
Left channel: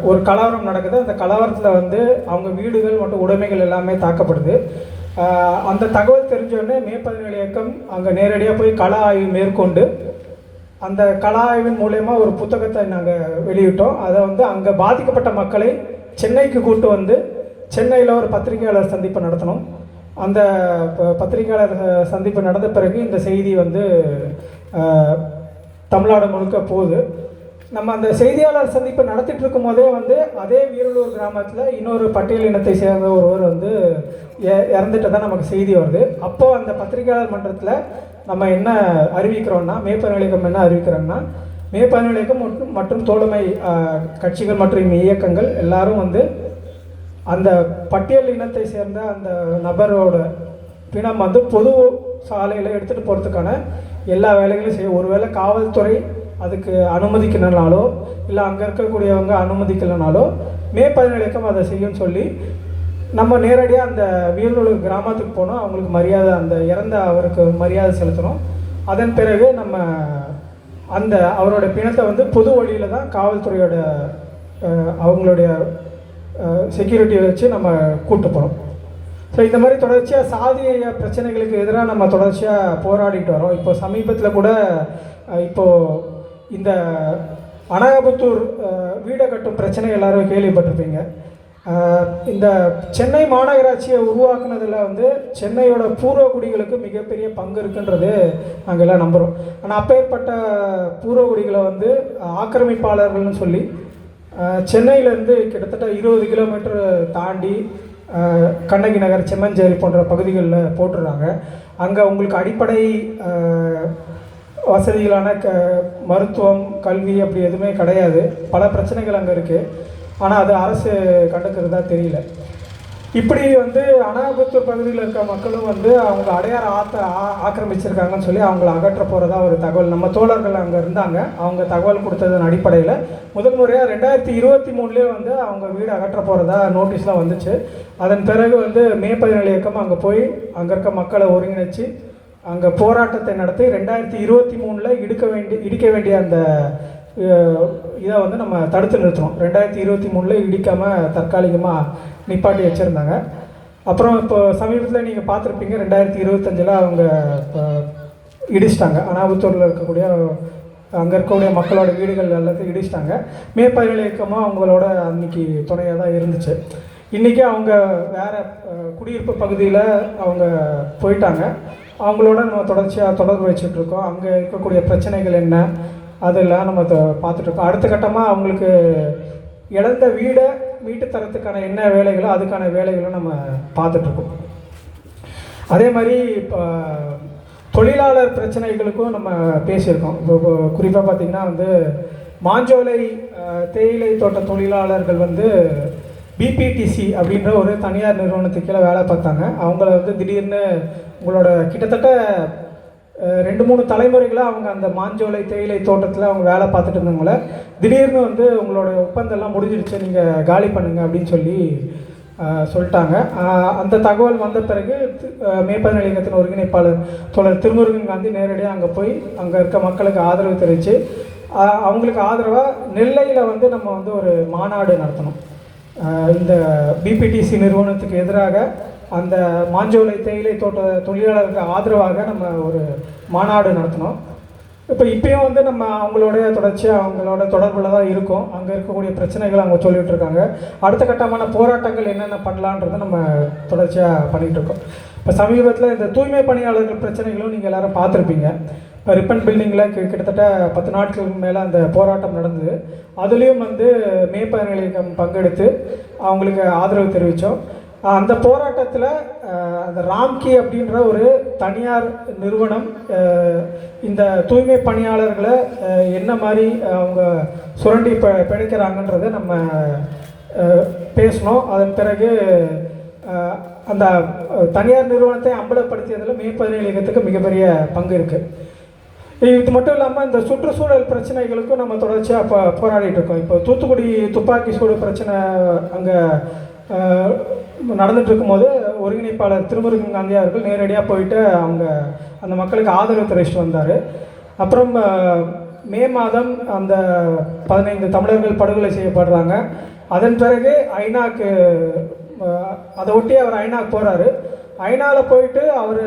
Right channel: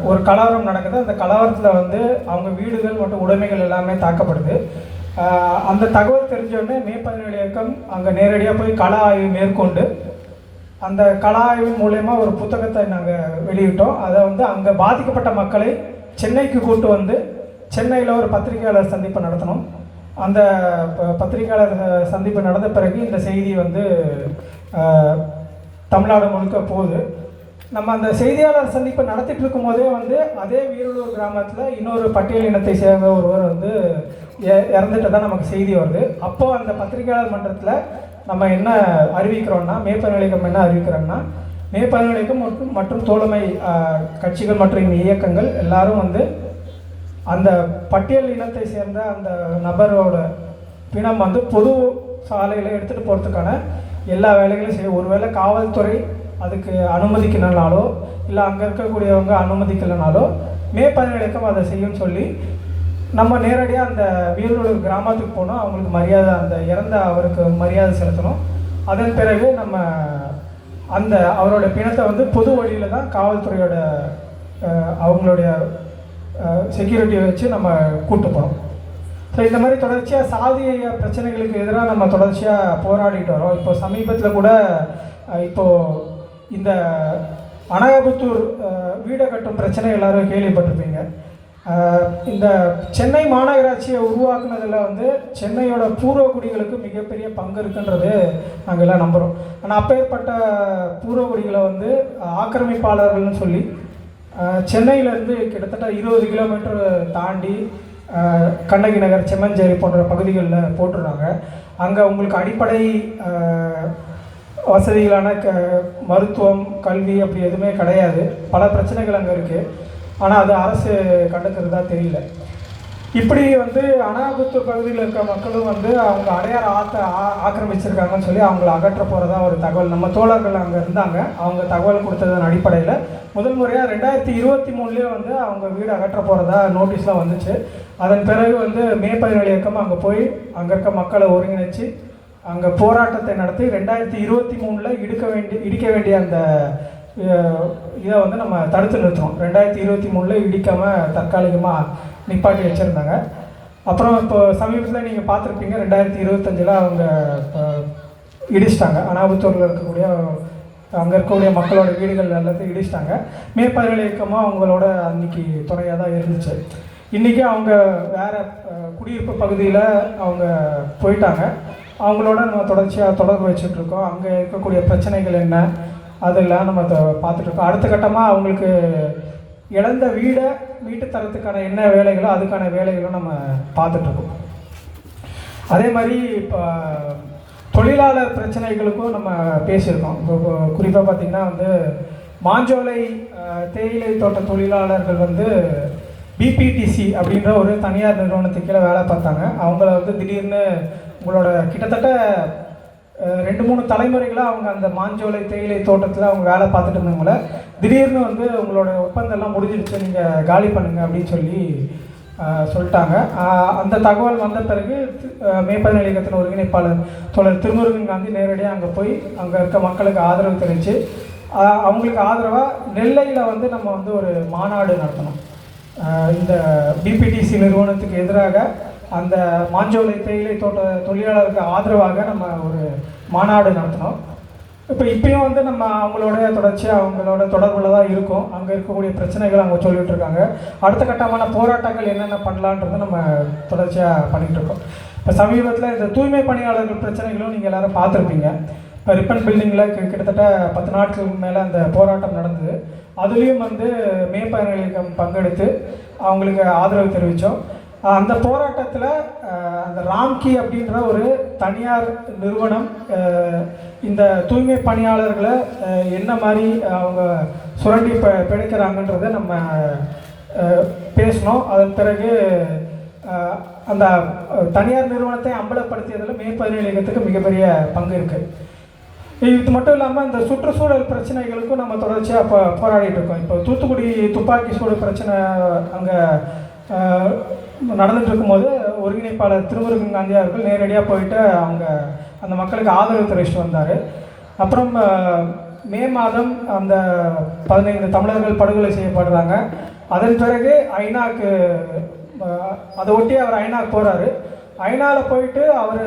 ஒரு கலவரம் நடக்குது. அந்த கலவரத்தில் வந்து அவங்க வீடுகள் மற்றும் உடைமைகள் எல்லாமே தாக்கப்படுது. அந்த தகவல் தெரிஞ்சோடனே மே பதினேழு இயக்கம் அங்கே நேரடியாக போய் கள ஆய்வு மேற்கொண்டு அந்த கள ஆய்வின் மூலயமா ஒரு புத்தகத்தை நாங்கள் வெளியிட்டோம். அதை வந்து அங்கே பாதிக்கப்பட்ட மக்களை சென்னைக்கு கூட்டு வந்து சென்னையில் ஒரு பத்திரிகையாளர் சந்திப்பு நடத்தினோம். அந்த ப- பத்திரிகையாளர் சந்திப்பு நடந்த பிறகு இந்த செய்தி வந்து தமிழ்நாடு முழுக்க போகுது. நம்ம அந்த செய்தியாளர் சந்திப்பு நடத்திட்டு இருக்கும் போதே வந்து அதே வீரலூர் கிராமத்தில் இன்னொரு பட்டியல் இனத்தை சேர்ந்த ஒருவர் வந்து இறந்துட்டு தான் நமக்கு செய்தி வருது. அப்போ அந்த பத்திரிகையாளர் மன்றத்தில் நம்ம என்ன அறிவிக்கிறோம்னா மேற்பநிலையம் என்ன அறிவிக்கிறோம்னா மேற்பநிலையம் மற்றும் மற்றும் தோழமை கட்சிகள் மற்றும் இயக்கங்கள் எல்லாரும் வந்து அந்த பட்டியல் இனத்தை சேர்ந்த அந்த நபரோட பிணம் வந்து பொது சாலையில் எடுத்துகிட்டு போகிறதுக்கான எல்லா வேலைகளையும் செய்யும். ஒருவேளை காவல்துறை அதுக்கு அனுமதிக்கலனாலோ இல்லை அங்கே இருக்கக்கூடியவங்க அனுமதிக்கலனாலோ மே பதினேழுக்கும் அதை செய்யும்னு சொல்லி நம்ம நேரடியாக அந்த வீரலூர் கிராமத்துக்கு போனோம் அவங்களுக்கு மரியாதை அந்த இறந்த அவருக்கு மரியாதை செலுத்தணும். அதன் பிறகு நம்ம அந்த அவரோட பிணத்தை வந்து பொது வழியில் தான் காவல்துறையோட அவங்களுடைய செக்யூரிட்டியை வச்சு நம்ம கூட்டு போகிறோம் ஸோ இந்த மாதிரி தொடர்ச்சியாக சாதிய பிரச்சனைகளுக்கு எதிராக நம்ம தொடர்ச்சியாக போராடிட்டு வரோம். இப்போ சமீபத்தில் கூட இப்போது இந்த அனாபுத்தூர் வீடை வீடு கட்டும் பிரச்சனை எல்லாரும் கேள்விப்பட்டிருப்பீங்க. இந்த சென்னை மாநகராட்சியை உருவாக்குனதில் வந்து சென்னையோட பூர்வகுடிகளுக்கு மிகப்பெரிய பங்கு இருக்குன்றது நாங்கள் எல்லாம் நம்புகிறோம் ஆனால் அப்பேற்பட்ட பூர்வகுடிகளை வந்து ஆக்கிரமிப்பாளர்கள்னு சொல்லி சென்னையிலேருந்து கிட்டத்தட்ட இருபது கிலோமீட்டர் தாண்டி கண்ணகி நகர் செம்மஞ்சேரி போன்ற பகுதிகளில் போட்டுடுறாங்க அங்கே உங்களுக்கு அடிப்படை வசதிகளான க மருத்துவம் கல்வி அப்படி எதுவுமே கிடையாது. பல பிரச்சனைகள் அங்கே இருக்குது ஆனால் அது அரசு கண்டுக்கிறதா தெரியல. இப்படி வந்து அனாபத்தூர் பகுதியில் இருக்க மக்களும் வந்து அவங்க அடையாள ஆக்க ஆ- ஆக்கிரமிச்சிருக்காங்கன்னு சொல்லி அவங்கள அகற்ற போகிறதா ஒரு தகவல். நம்ம தோழர்கள் அங்கே இருந்தாங்க. அவங்க தகவல் கொடுத்ததன் அடிப்படையில் முதல் முறையாக ரெண்டாயிரத்தி இருபத்தி மூணுலேயே வந்து அவங்க வீடு அகற்ற போகிறதா நோட்டீஸ்லாம் வந்துச்சு. அதன் பிறகு வந்து மே பதினேழு இயக்கம் அங்கே போய் அங்கே இருக்க மக்களை ஒருங்கிணைச்சு அங்கே போராட்டத்தை நடத்தி ரெண்டாயிரத்தி இருபத்தி மூணில் இடுக்க வேண்டிய இடிக்க வேண்டிய அந்த இதை வந்து நம்ம தடுத்து நிறுத்தினோம் ரெண்டாயிரத்தி இருபத்தி மூணில் இடிக்காமல் தற்காலிகமாக நிப்பாட்டி வச்சுருந்தாங்க. அப்புறம் இப்போ சமீபத்தில் நீங்கள் பார்த்துருப்பீங்க ரெண்டாயிரத்தி இருபத்தஞ்சில் அவங்க இடிச்சிட்டாங்க. அனாபத்தூரில் இருக்கக்கூடிய அங்கே இருக்கக்கூடிய மக்களோட வீடுகள் எல்லாத்தையும் இடிச்சிட்டாங்க. மேற்பதில் இயக்கமாக அவங்களோட அன்னைக்கு துணையாக தான் இருந்துச்சு. இன்றைக்கி அவங்க வேறு குடியிருப்பு பகுதியில் அவங்க போயிட்டாங்க. அவங்களோட நம்ம தொடர்ச்சியாக தொடர்பு வச்சுட்டு இருக்கோம். அங்கே இருக்கக்கூடிய பிரச்சனைகள் என்ன? அதெல்லாம் நம்ம பார்த்துட்ருக்கோம். அடுத்த கட்டமாக அவங்களுக்கு இழந்த வீடை வீட்டு தரத்துக்கான என்ன வேலைகளோ அதுக்கான வேலைகளும் நம்ம பார்த்துட்ருக்கோம். அதே மாதிரி இப்போ தொழிலாளர் பிரச்சனைகளுக்கும் நம்ம பேசியிருக்கோம். இப்போ குறிப்பாக பார்த்திங்கன்னா வந்து மாஞ்சோலை தேயிலை தோட்ட தொழிலாளர்கள் வந்து பிபிடிசி அப்படின்ற ஒரு தனியார் நிறுவனத்துக்கு கீழே வேலை பார்த்தாங்க. அவங்கள வந்து திடீர்னு உங்களோட கிட்டத்தட்ட ரெண்டு மூணு தலைமுறைகளாக அவங்க அந்த மாஞ்சோலை தேயிலை தோட்டத்தில் அவங்க வேலை பார்த்துட்டு இருந்தவங்கள திடீர்னு வந்து உங்களோட ஒப்பந்தம்லாம் முடிஞ்சிடுச்சு நீங்கள் காலி பண்ணுங்க அப்படின்னு சொல்லி சொல்லிட்டாங்க. அந்த தகவல் வந்த பிறகு அஹ், மேற்பதிவு நிலையத்தின் ஒருங்கிணைப்பாளர் தொடர் திருமுருகன் காந்தி நேரடியாக அங்கே போய் அங்கே இருக்க மக்களுக்கு ஆதரவு தெரிவித்து அவங்களுக்கு ஆதரவாக நெல்லையில் வந்து நம்ம வந்து ஒரு மாநாடு நடத்தணும். இந்த பிபிடிசி நிறுவனத்துக்கு எதிராக அந்த மாஞ்சோலை தேயிலை தோட்ட தொழிலாளருக்கு ஆதரவாக நம்ம ஒரு மாநாடு நடத்தினோம் இப்போ இப்பயும் வந்து நம்ம அவங்களோட தொடர்ச்சியாக அவங்களோட தொடர்பில் தான் இருக்கோம். அங்கே இருக்கக்கூடிய பிரச்சனைகள் அவங்க சொல்லிகிட்டு இருக்காங்க. அடுத்த கட்டமான போராட்டங்கள் என்னென்ன பண்ணலான்றதை நம்ம தொடர்ச்சியாக பண்ணிகிட்டு இருக்கோம். இப்போ சமீபத்தில் இந்த தூய்மை பணியாளர்கள் பிரச்சனைகளும் நீங்கள் எல்லாரும் பார்த்துருப்பீங்க. இப்போ ரிப்பன் பில்டிங்கில் கிட்டத்தட்ட பத்து நாட்களுக்கு மேலே அந்த போராட்டம் நடந்தது. அதுலேயும் வந்து மேற்பயண பங்கெடுத்து அவங்களுக்கு ஆதரவு தெரிவித்தோம் அந்த போராட்டத்தில் அந்த ராம்கி அப்படின்ற ஒரு தனியார் நிறுவனம் இந்த தூய்மை பணியாளர்களை என்ன மாதிரி அவங்க சுரண்டி ப பிழைக்கிறாங்கன்றதை நம்ம பேசணும். பேசினோம் அதன் பிறகு அந்த தனியார் நிறுவனத்தை அம்பலப்படுத்தியதில் மேற்பதிவு இயக்கத்துக்கு மிகப்பெரிய பங்கு இருக்குது இது மட்டும் இல்லாமல் இந்த சுற்றுச்சூழல் பிரச்சனைகளுக்கும் நம்ம தொடர்ச்சியாக இப்போ போராடிட்டு இருக்கோம். இப்போ தூத்துக்குடி துப்பாக்கி சூடு பிரச்சனை அங்கே நடந்துட்டு இருக்கும்போது ஒருங்கிணைப்பாளர் திருமுருகன் காந்தி அவர்கள் நேரடியாக போயிட்டு அவங்க அந்த மக்களுக்கு ஆதரவு தெரிவிச்சுட்டு வந்தார். அப்புறம் மே மாதம் அந்த பதினைந்து தமிழர்கள் படுகொலை செய்யப்படுறாங்க. அதன் பிறகு ஐநாக்கு அதை ஒட்டி அவர் ஐநாக்கு போகிறாரு ஐநாவில் போயிட்டு அவர்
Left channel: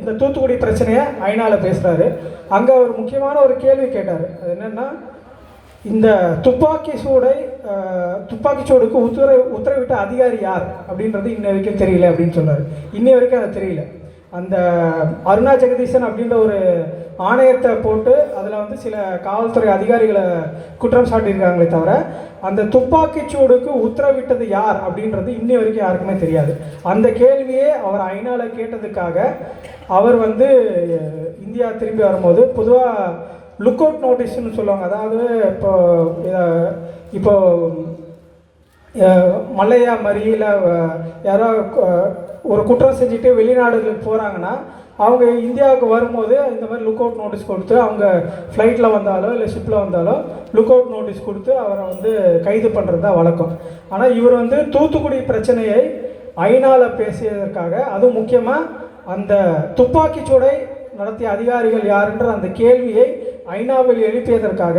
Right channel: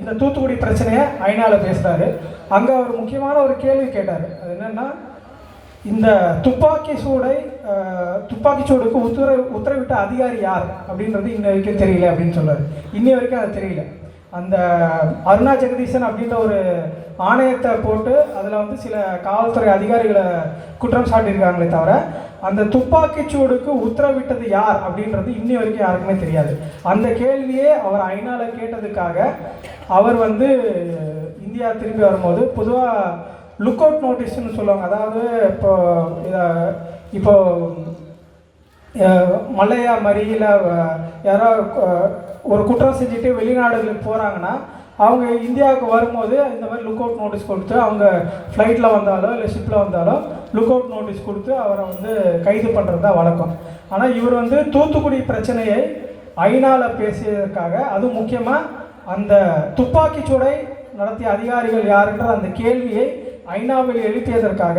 இந்த தூத்துக்குடி பிரச்சனையை ஐநாவில் பேசுகிறாரு அங்கே ஒரு முக்கியமான ஒரு கேள்வி கேட்டார். அது என்னென்னா இந்த துப்பாக்கி சூடை துப்பாக்கிச்சூடுக்கு துப்பாக்கி சூடுக்கு உத்தரவு உத்தரவிட்ட அதிகாரி யார் அப்படின்றது இன்ன வரைக்கும் தெரியல அப்படின்னு சொன்னார். இன்னி வரைக்கும் அது தெரியல. அந்த அருணா ஜெகதீசன் அப்படின்ற ஒரு ஆணையத்தை போட்டு அதில் வந்து சில காவல்துறை அதிகாரிகளை குற்றம் சாட்டியிருக்காங்களே தவிர அந்த துப்பாக்கி சூடுக்கு உத்தரவிட்டது யார் அப்படின்றது இன்னி வரைக்கும் யாருக்குமே தெரியாது. அந்த கேள்வியே அவர் ஐநாவில் கேட்டதுக்காக அவர் வந்து இந்தியா திரும்பி வரும்போது பொதுவாக லுக் அவுட் நோட்டீஸ்னு சொல்லுவாங்க. அதாவது இப்போ இப்போ அஹ், மல்லையா யாரோ ஒரு குற்றம் செஞ்சுட்டு வெளிநாடுகளுக்கு போகிறாங்கன்னா அவங்க இந்தியாவுக்கு வரும்போது இந்த மாதிரி லுக் அவுட் நோட்டீஸ் கொடுத்து அவங்க ஃப்ளைட்டில் வந்தாலோ இல்லை ஷிப்பில் வந்தாலோ லுக் அவுட் நோட்டீஸ் கொடுத்து அவரை வந்து கைது பண்ணுறது தான் வழக்கம். ஆனால் இவர் வந்து தூத்துக்குடி பிரச்சனையை ஐநாவில் பேசியதற்காக அதுவும் முக்கியமாக அந்த துப்பாக்கிச்சூடை நடத்திய அதிகாரிகள் யாருன்ற அந்த கேள்வியை ஐநாவில் எழுப்பியதற்காக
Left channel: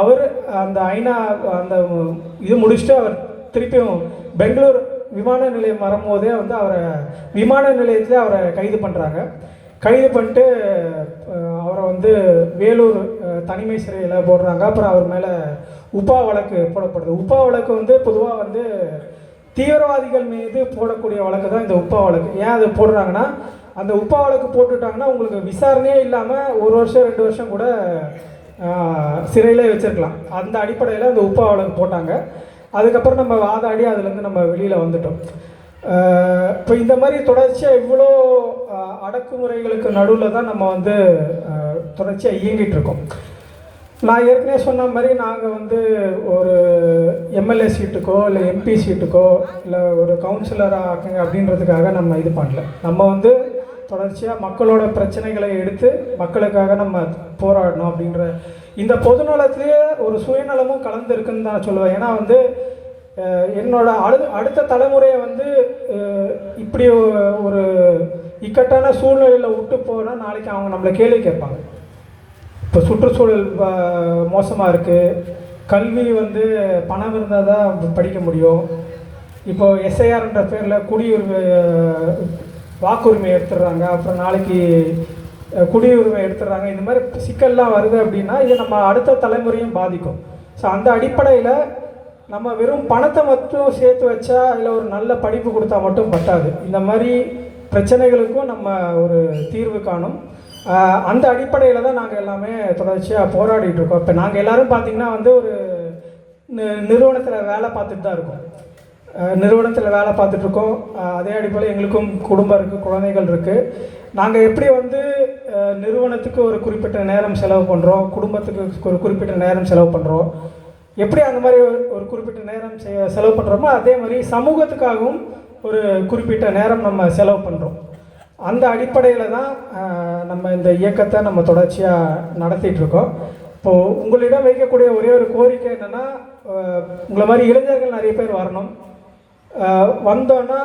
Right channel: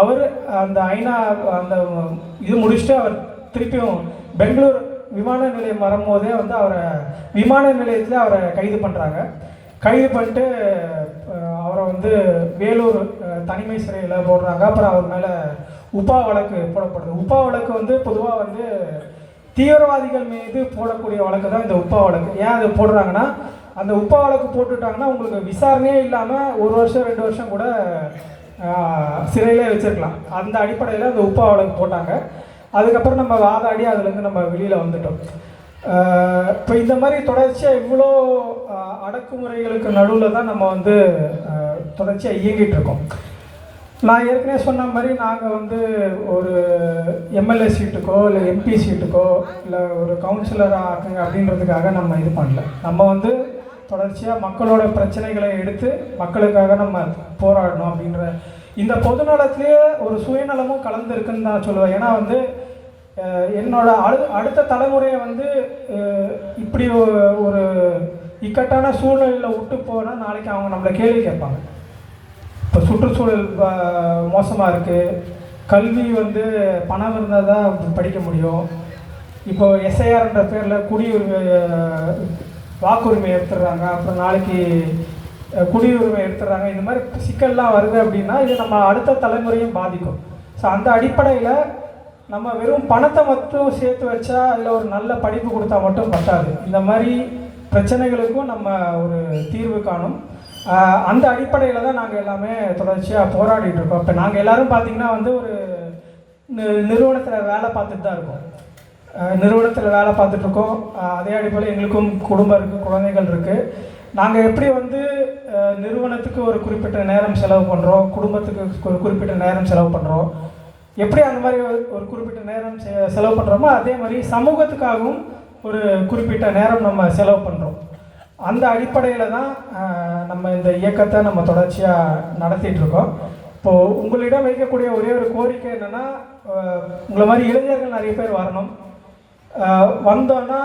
அவர் அந்த ஐநா அந்த இது முடிச்சுட்டு அவர் திருப்பியும் பெங்களூர் விமான நிலையம் வரும்போதே வந்து அவரை விமான நிலையத்தில் அவரை கைது பண்ணுறாங்க கைது பண்ணிட்டு அவரை வந்து வேலூர் தனிமை சிறையில் போடுறாங்க. அப்புறம் அவர் மேலே உப்பா வழக்கு போடப்படுது. உப்பா வழக்கு வந்து பொதுவாக வந்து தீவிரவாதிகள் மீது போடக்கூடிய வழக்கு தான் இந்த உப்பா வழக்கு. ஏன் அது போடுறாங்கன்னா அந்த உப்பா வழக்கு போட்டுட்டாங்கன்னா உங்களுக்கு விசாரணையே இல்லாமல் ஒரு வருஷம் ரெண்டு வருஷம் கூட சிறையிலே வச்சிருக்கலாம். அந்த அடிப்படையில் அந்த உப்பு வழக்கு போட்டாங்க. அதுக்கப்புறம் நம்ம வாதாடி அதுலேருந்து நம்ம வெளியில் வந்துட்டோம். இப்போ இந்த மாதிரி தொடர்ச்சியாக இவ்வளோ அடக்குமுறைகளுக்கு நடுவில் தான் நம்ம வந்து தொடர்ச்சியாக இயங்கிட்டு இருக்கோம். நான் ஏற்கனவே சொன்ன மாதிரி நாங்கள் வந்து ஒரு எம்எல்ஏ சீட்டுக்கோ இல்லை எம்பி சீட்டுக்கோ இல்லை ஒரு கவுன்சிலராக ஆக்குங்க அப்படின்றதுக்காக நம்ம இது பண்ணல. நம்ம வந்து தொடர்ச்சியாக மக்களோட பிரச்சனைகளை எடுத்து மக்களுக்காக நம்ம போராடணும் அப்படின்ற இந்த பொதுநலத்திலேயே ஒரு சுயநலமும் கலந்துருக்குன்னு தான் சொல்லுவேன். ஏன்னா வந்து என்னோட அடு அடுத்த தலைமுறையை வந்து இப்படி ஒரு இக்கட்டான சூழ்நிலையில் விட்டு போனால் நாளைக்கு அவங்க நம்மளை கேள்வி கேட்பாங்க. இப்போ சுற்றுச்சூழல் மோசமாக இருக்குது கல்வி வந்து பணம் இருந்தால் தான் படிக்க முடியும். இப்போது எஸ்ஐஆர்ன்ற பேரில் குடியுரிமை வாக்குரிமை எடுத்துடுறாங்க. அப்புறம் நாளைக்கு குடியுரிமை எடுத்துடுறாங்க. இந்த மாதிரி சிக்கல்லாம் வருது அப்படின்னா இது நம்ம அடுத்த தலைமுறையும் பாதிக்கும். ஸோ அந்த அடிப்படையில் நம்ம வெறும் பணத்தை மட்டும் சேர்த்து வச்சா அதில் ஒரு நல்ல படிப்பு கொடுத்தா மட்டும் பட்டாது இந்த மாதிரி பிரச்சனைகளுக்கும் நம்ம ஒரு தீர்வு காணும். அந்த அடிப்படையில் தான் நாங்கள் எல்லாமே தொடர்ச்சியாக போராடிட்டு இருக்கோம். இப்போ நாங்கள் எல்லோரும் பார்த்தீங்கன்னா வந்து ஒரு நிறுவனத்தில் வேலை பார்த்துட்டு தான் இருக்கோம். நிறுவனத்தில் வேலை பார்த்துட்ருக்கோம். அதே அடிப்படையில் எங்களுக்கும் குடும்பம் இருக்குது குழந்தைகள் இருக்குது நாங்கள் எப்படி வந்து நிறுவனத்துக்கு ஒரு குறிப்பிட்ட நேரம் செலவு பண்ணுறோம் குடும்பத்துக்கு ஒரு குறிப்பிட்ட நேரம் செலவு பண்ணுறோம் எப்படி அந்த மாதிரி ஒரு- குறிப்பிட்ட நேரம் செ- செலவு பண்ணுறோமோ அதே மாதிரி சமூகத்துக்காகவும் ஒரு குறிப்பிட்ட நேரம் நம்ம செலவு பண்ணுறோம் அந்த அடிப்படையில் தான் நம்ம இந்த இயக்கத்தை நம்ம தொடர்ச்சியாக நடத்திட்டுருக்கோம் இப்போது உங்களிடம் வைக்கக்கூடிய ஒரே ஒரு கோரிக்கை என்னென்னா உங்களை மாதிரி இளைஞர்கள் நிறைய பேர் வரணும். வந்தோன்னா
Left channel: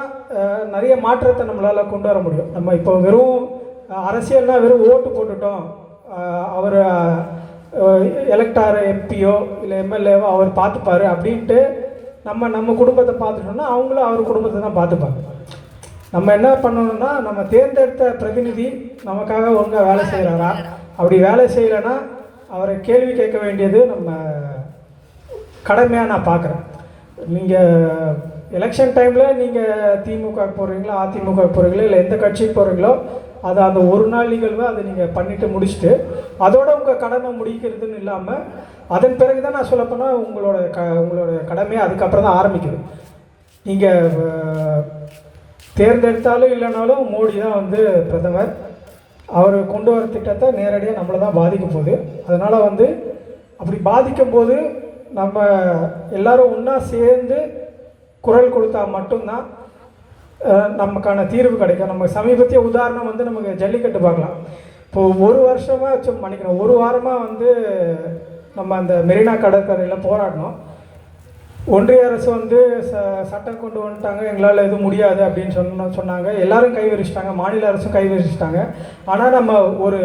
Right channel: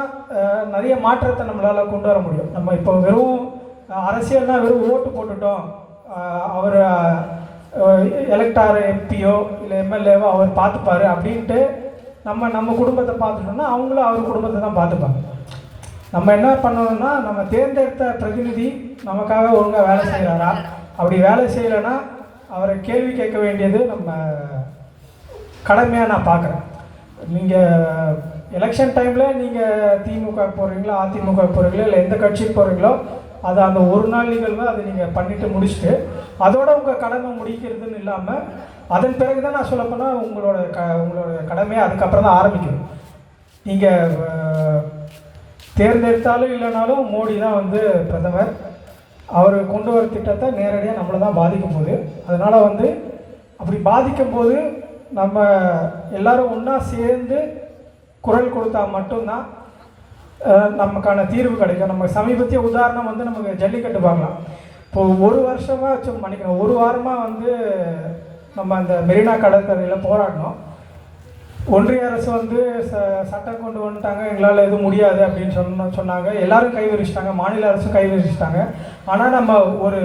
நிறைய மாற்றத்தை நம்மளால் கொண்டு வர முடியும். நம்ம இப்போ வெறும் அரசியல்னால் அரசியல்னா வெறும் ஓட்டு போட்டுட்டோம். அவர் எலெக்டார் எம்பியோ இல்லை எம்எல்ஏவோ அவர் பார்த்துப்பார் அப்படின்ட்டு நம்ம நம்ம குடும்பத்தை பார்த்துட்டோம்னா அவங்களும் அவர் குடும்பத்தை தான் பார்த்துப்பாங்க. நம்ம என்ன பண்ணணும்னா நம்ம தேர்ந்தெடுத்த பிரதிநிதி நமக்காக ஒழுங்காக வேலை செய்கிறாரா அப்படி வேலை செய்யலைன்னா அவரை கேள்வி கேட்க வேண்டியது நம்ம கடமையாக நான் பார்க்குறேன். நீங்கள் எலெக்ஷன் டைமில் நீங்கள் திமுக போகிறீங்களோ அதிமுக போகிறீங்களோ இல்லை எந்த கட்சிக்கு போகிறீங்களோ அதை அந்த ஒரு நாள் நிகழ்வு அதை நீங்கள் பண்ணிவிட்டு முடிச்சுட்டு அதோட உங்கள் கடமை முடிக்கிறதுன்னு இல்லாமல் அதன் பிறகு தான் நான் சொல்லப்போனால் உங்களோட க உங்களோட கடமையை அதுக்கப்புறம் தான் ஆரம்பிக்கும் நீங்கள் தேர்ந்தெடுத்தாலும் இல்லைனாலும் மோடி தான் வந்து பிரதமர். அவர் கொண்டு வர திட்டத்தை நேரடியாக நம்மளை தான் பாதிக்கும் போது அதனால் வந்து அப்படி பாதிக்கும் போது நம்ம எல்லாரும் ஒன்றா சேர்ந்து குரல் கொடுத்தா மட்டும்தான் நமக்கான தீர்வு கிடைக்கும். நம்ம சமீபத்திய உதாரணம் வந்து நமக்கு ஜல்லிக்கட்டு பார்க்கலாம். இப்போது ஒரு வருஷமாக சும் மன்னிக்கணும். ஒரு வாரமாக வந்து நம்ம அந்த மெரினா கடற்கரையில் போராடினோம். ஒன்றிய அரசு வந்து ச சட்டம் கொண்டு வந்துட்டாங்க. எங்களால் எதுவும் முடியாது அப்படின்னு சொன்ன சொன்னாங்க. எல்லாரும் கை விரிச்சிட்டாங்க மாநில அரசும் கை விரிச்சிட்டாங்க ஆனால் நம்ம ஒரு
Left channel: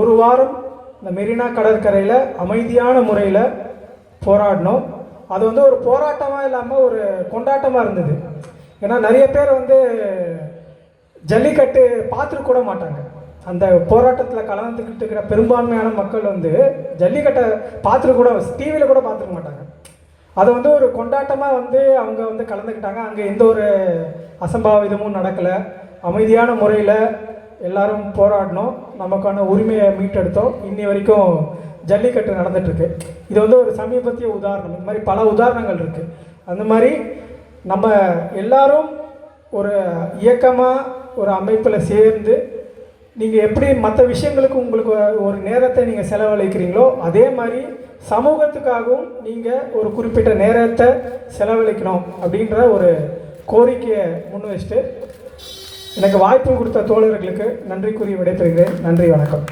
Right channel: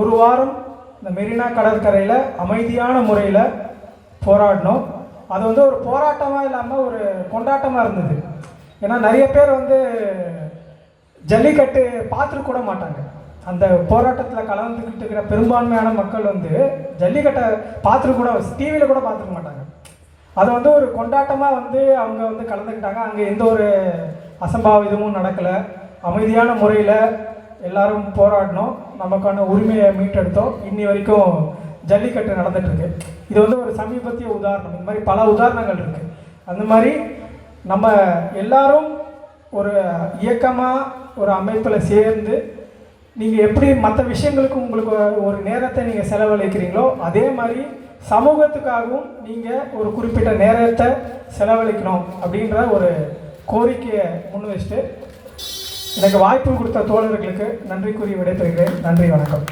ஒரு வாரம் இந்த மெரினா கடற்கரையில் அமைதியான முறையில் போராடினோம். அது வந்து ஒரு போராட்டமாக இல்லாமல் ஒரு கொண்டாட்டமாக இருந்தது. ஏன்னா நிறைய பேர் வந்து ஜல்லிக்கட்டு பார்த்துட்டு கூட மாட்டாங்க. அந்த போராட்டத்தில் கலந்துக்கிட்டு இருக்கிற பெரும்பான்மையான மக்கள் வந்து ஜல்லிக்கட்டை பார்த்துட்டு கூட டிவியில் கூட பார்த்துக்க மாட்டாங்க. அது வந்து ஒரு கொண்டாட்டமாக வந்து அவங்க வந்து கலந்துக்கிட்டாங்க. அங்கே எந்த ஒரு அசம்பாவிதமும் நடக்கலை. அமைதியான முறையில் எல்லாரும் போராடினோம். நமக்கான உரிமையை மீட்டெடுத்தோம். இன்னி வரைக்கும் ஜல்லிக்கட்டு நடந்துட்டுருக்கு இது வந்து ஒரு சமீபத்திய உதாரணம். இந்த மாதிரி பல உதாரணங்கள் இருக்குது அந்த மாதிரி நம்ம எல்லாரும் ஒரு இயக்கமாக ஒரு அமைப்பில் சேர்ந்து நீங்கள் எப்படி மற்ற விஷயங்களுக்கு உங்களுக்கு ஒரு நேரத்தை நீங்கள் செலவழிக்கிறீங்களோ அதே மாதிரி சமூகத்துக்காகவும் நீங்கள் ஒரு குறிப்பிட்ட நேரத்தை செலவழிக்கணும் அப்படின்ற ஒரு கோரிக்கையை முன் வச்சுட்டு எனக்கு வாய்ப்பு கொடுத்த தோழர்களுக்கு நன்றி கூறி விடைபெறுகிறேன். நன்றி வணக்கம்.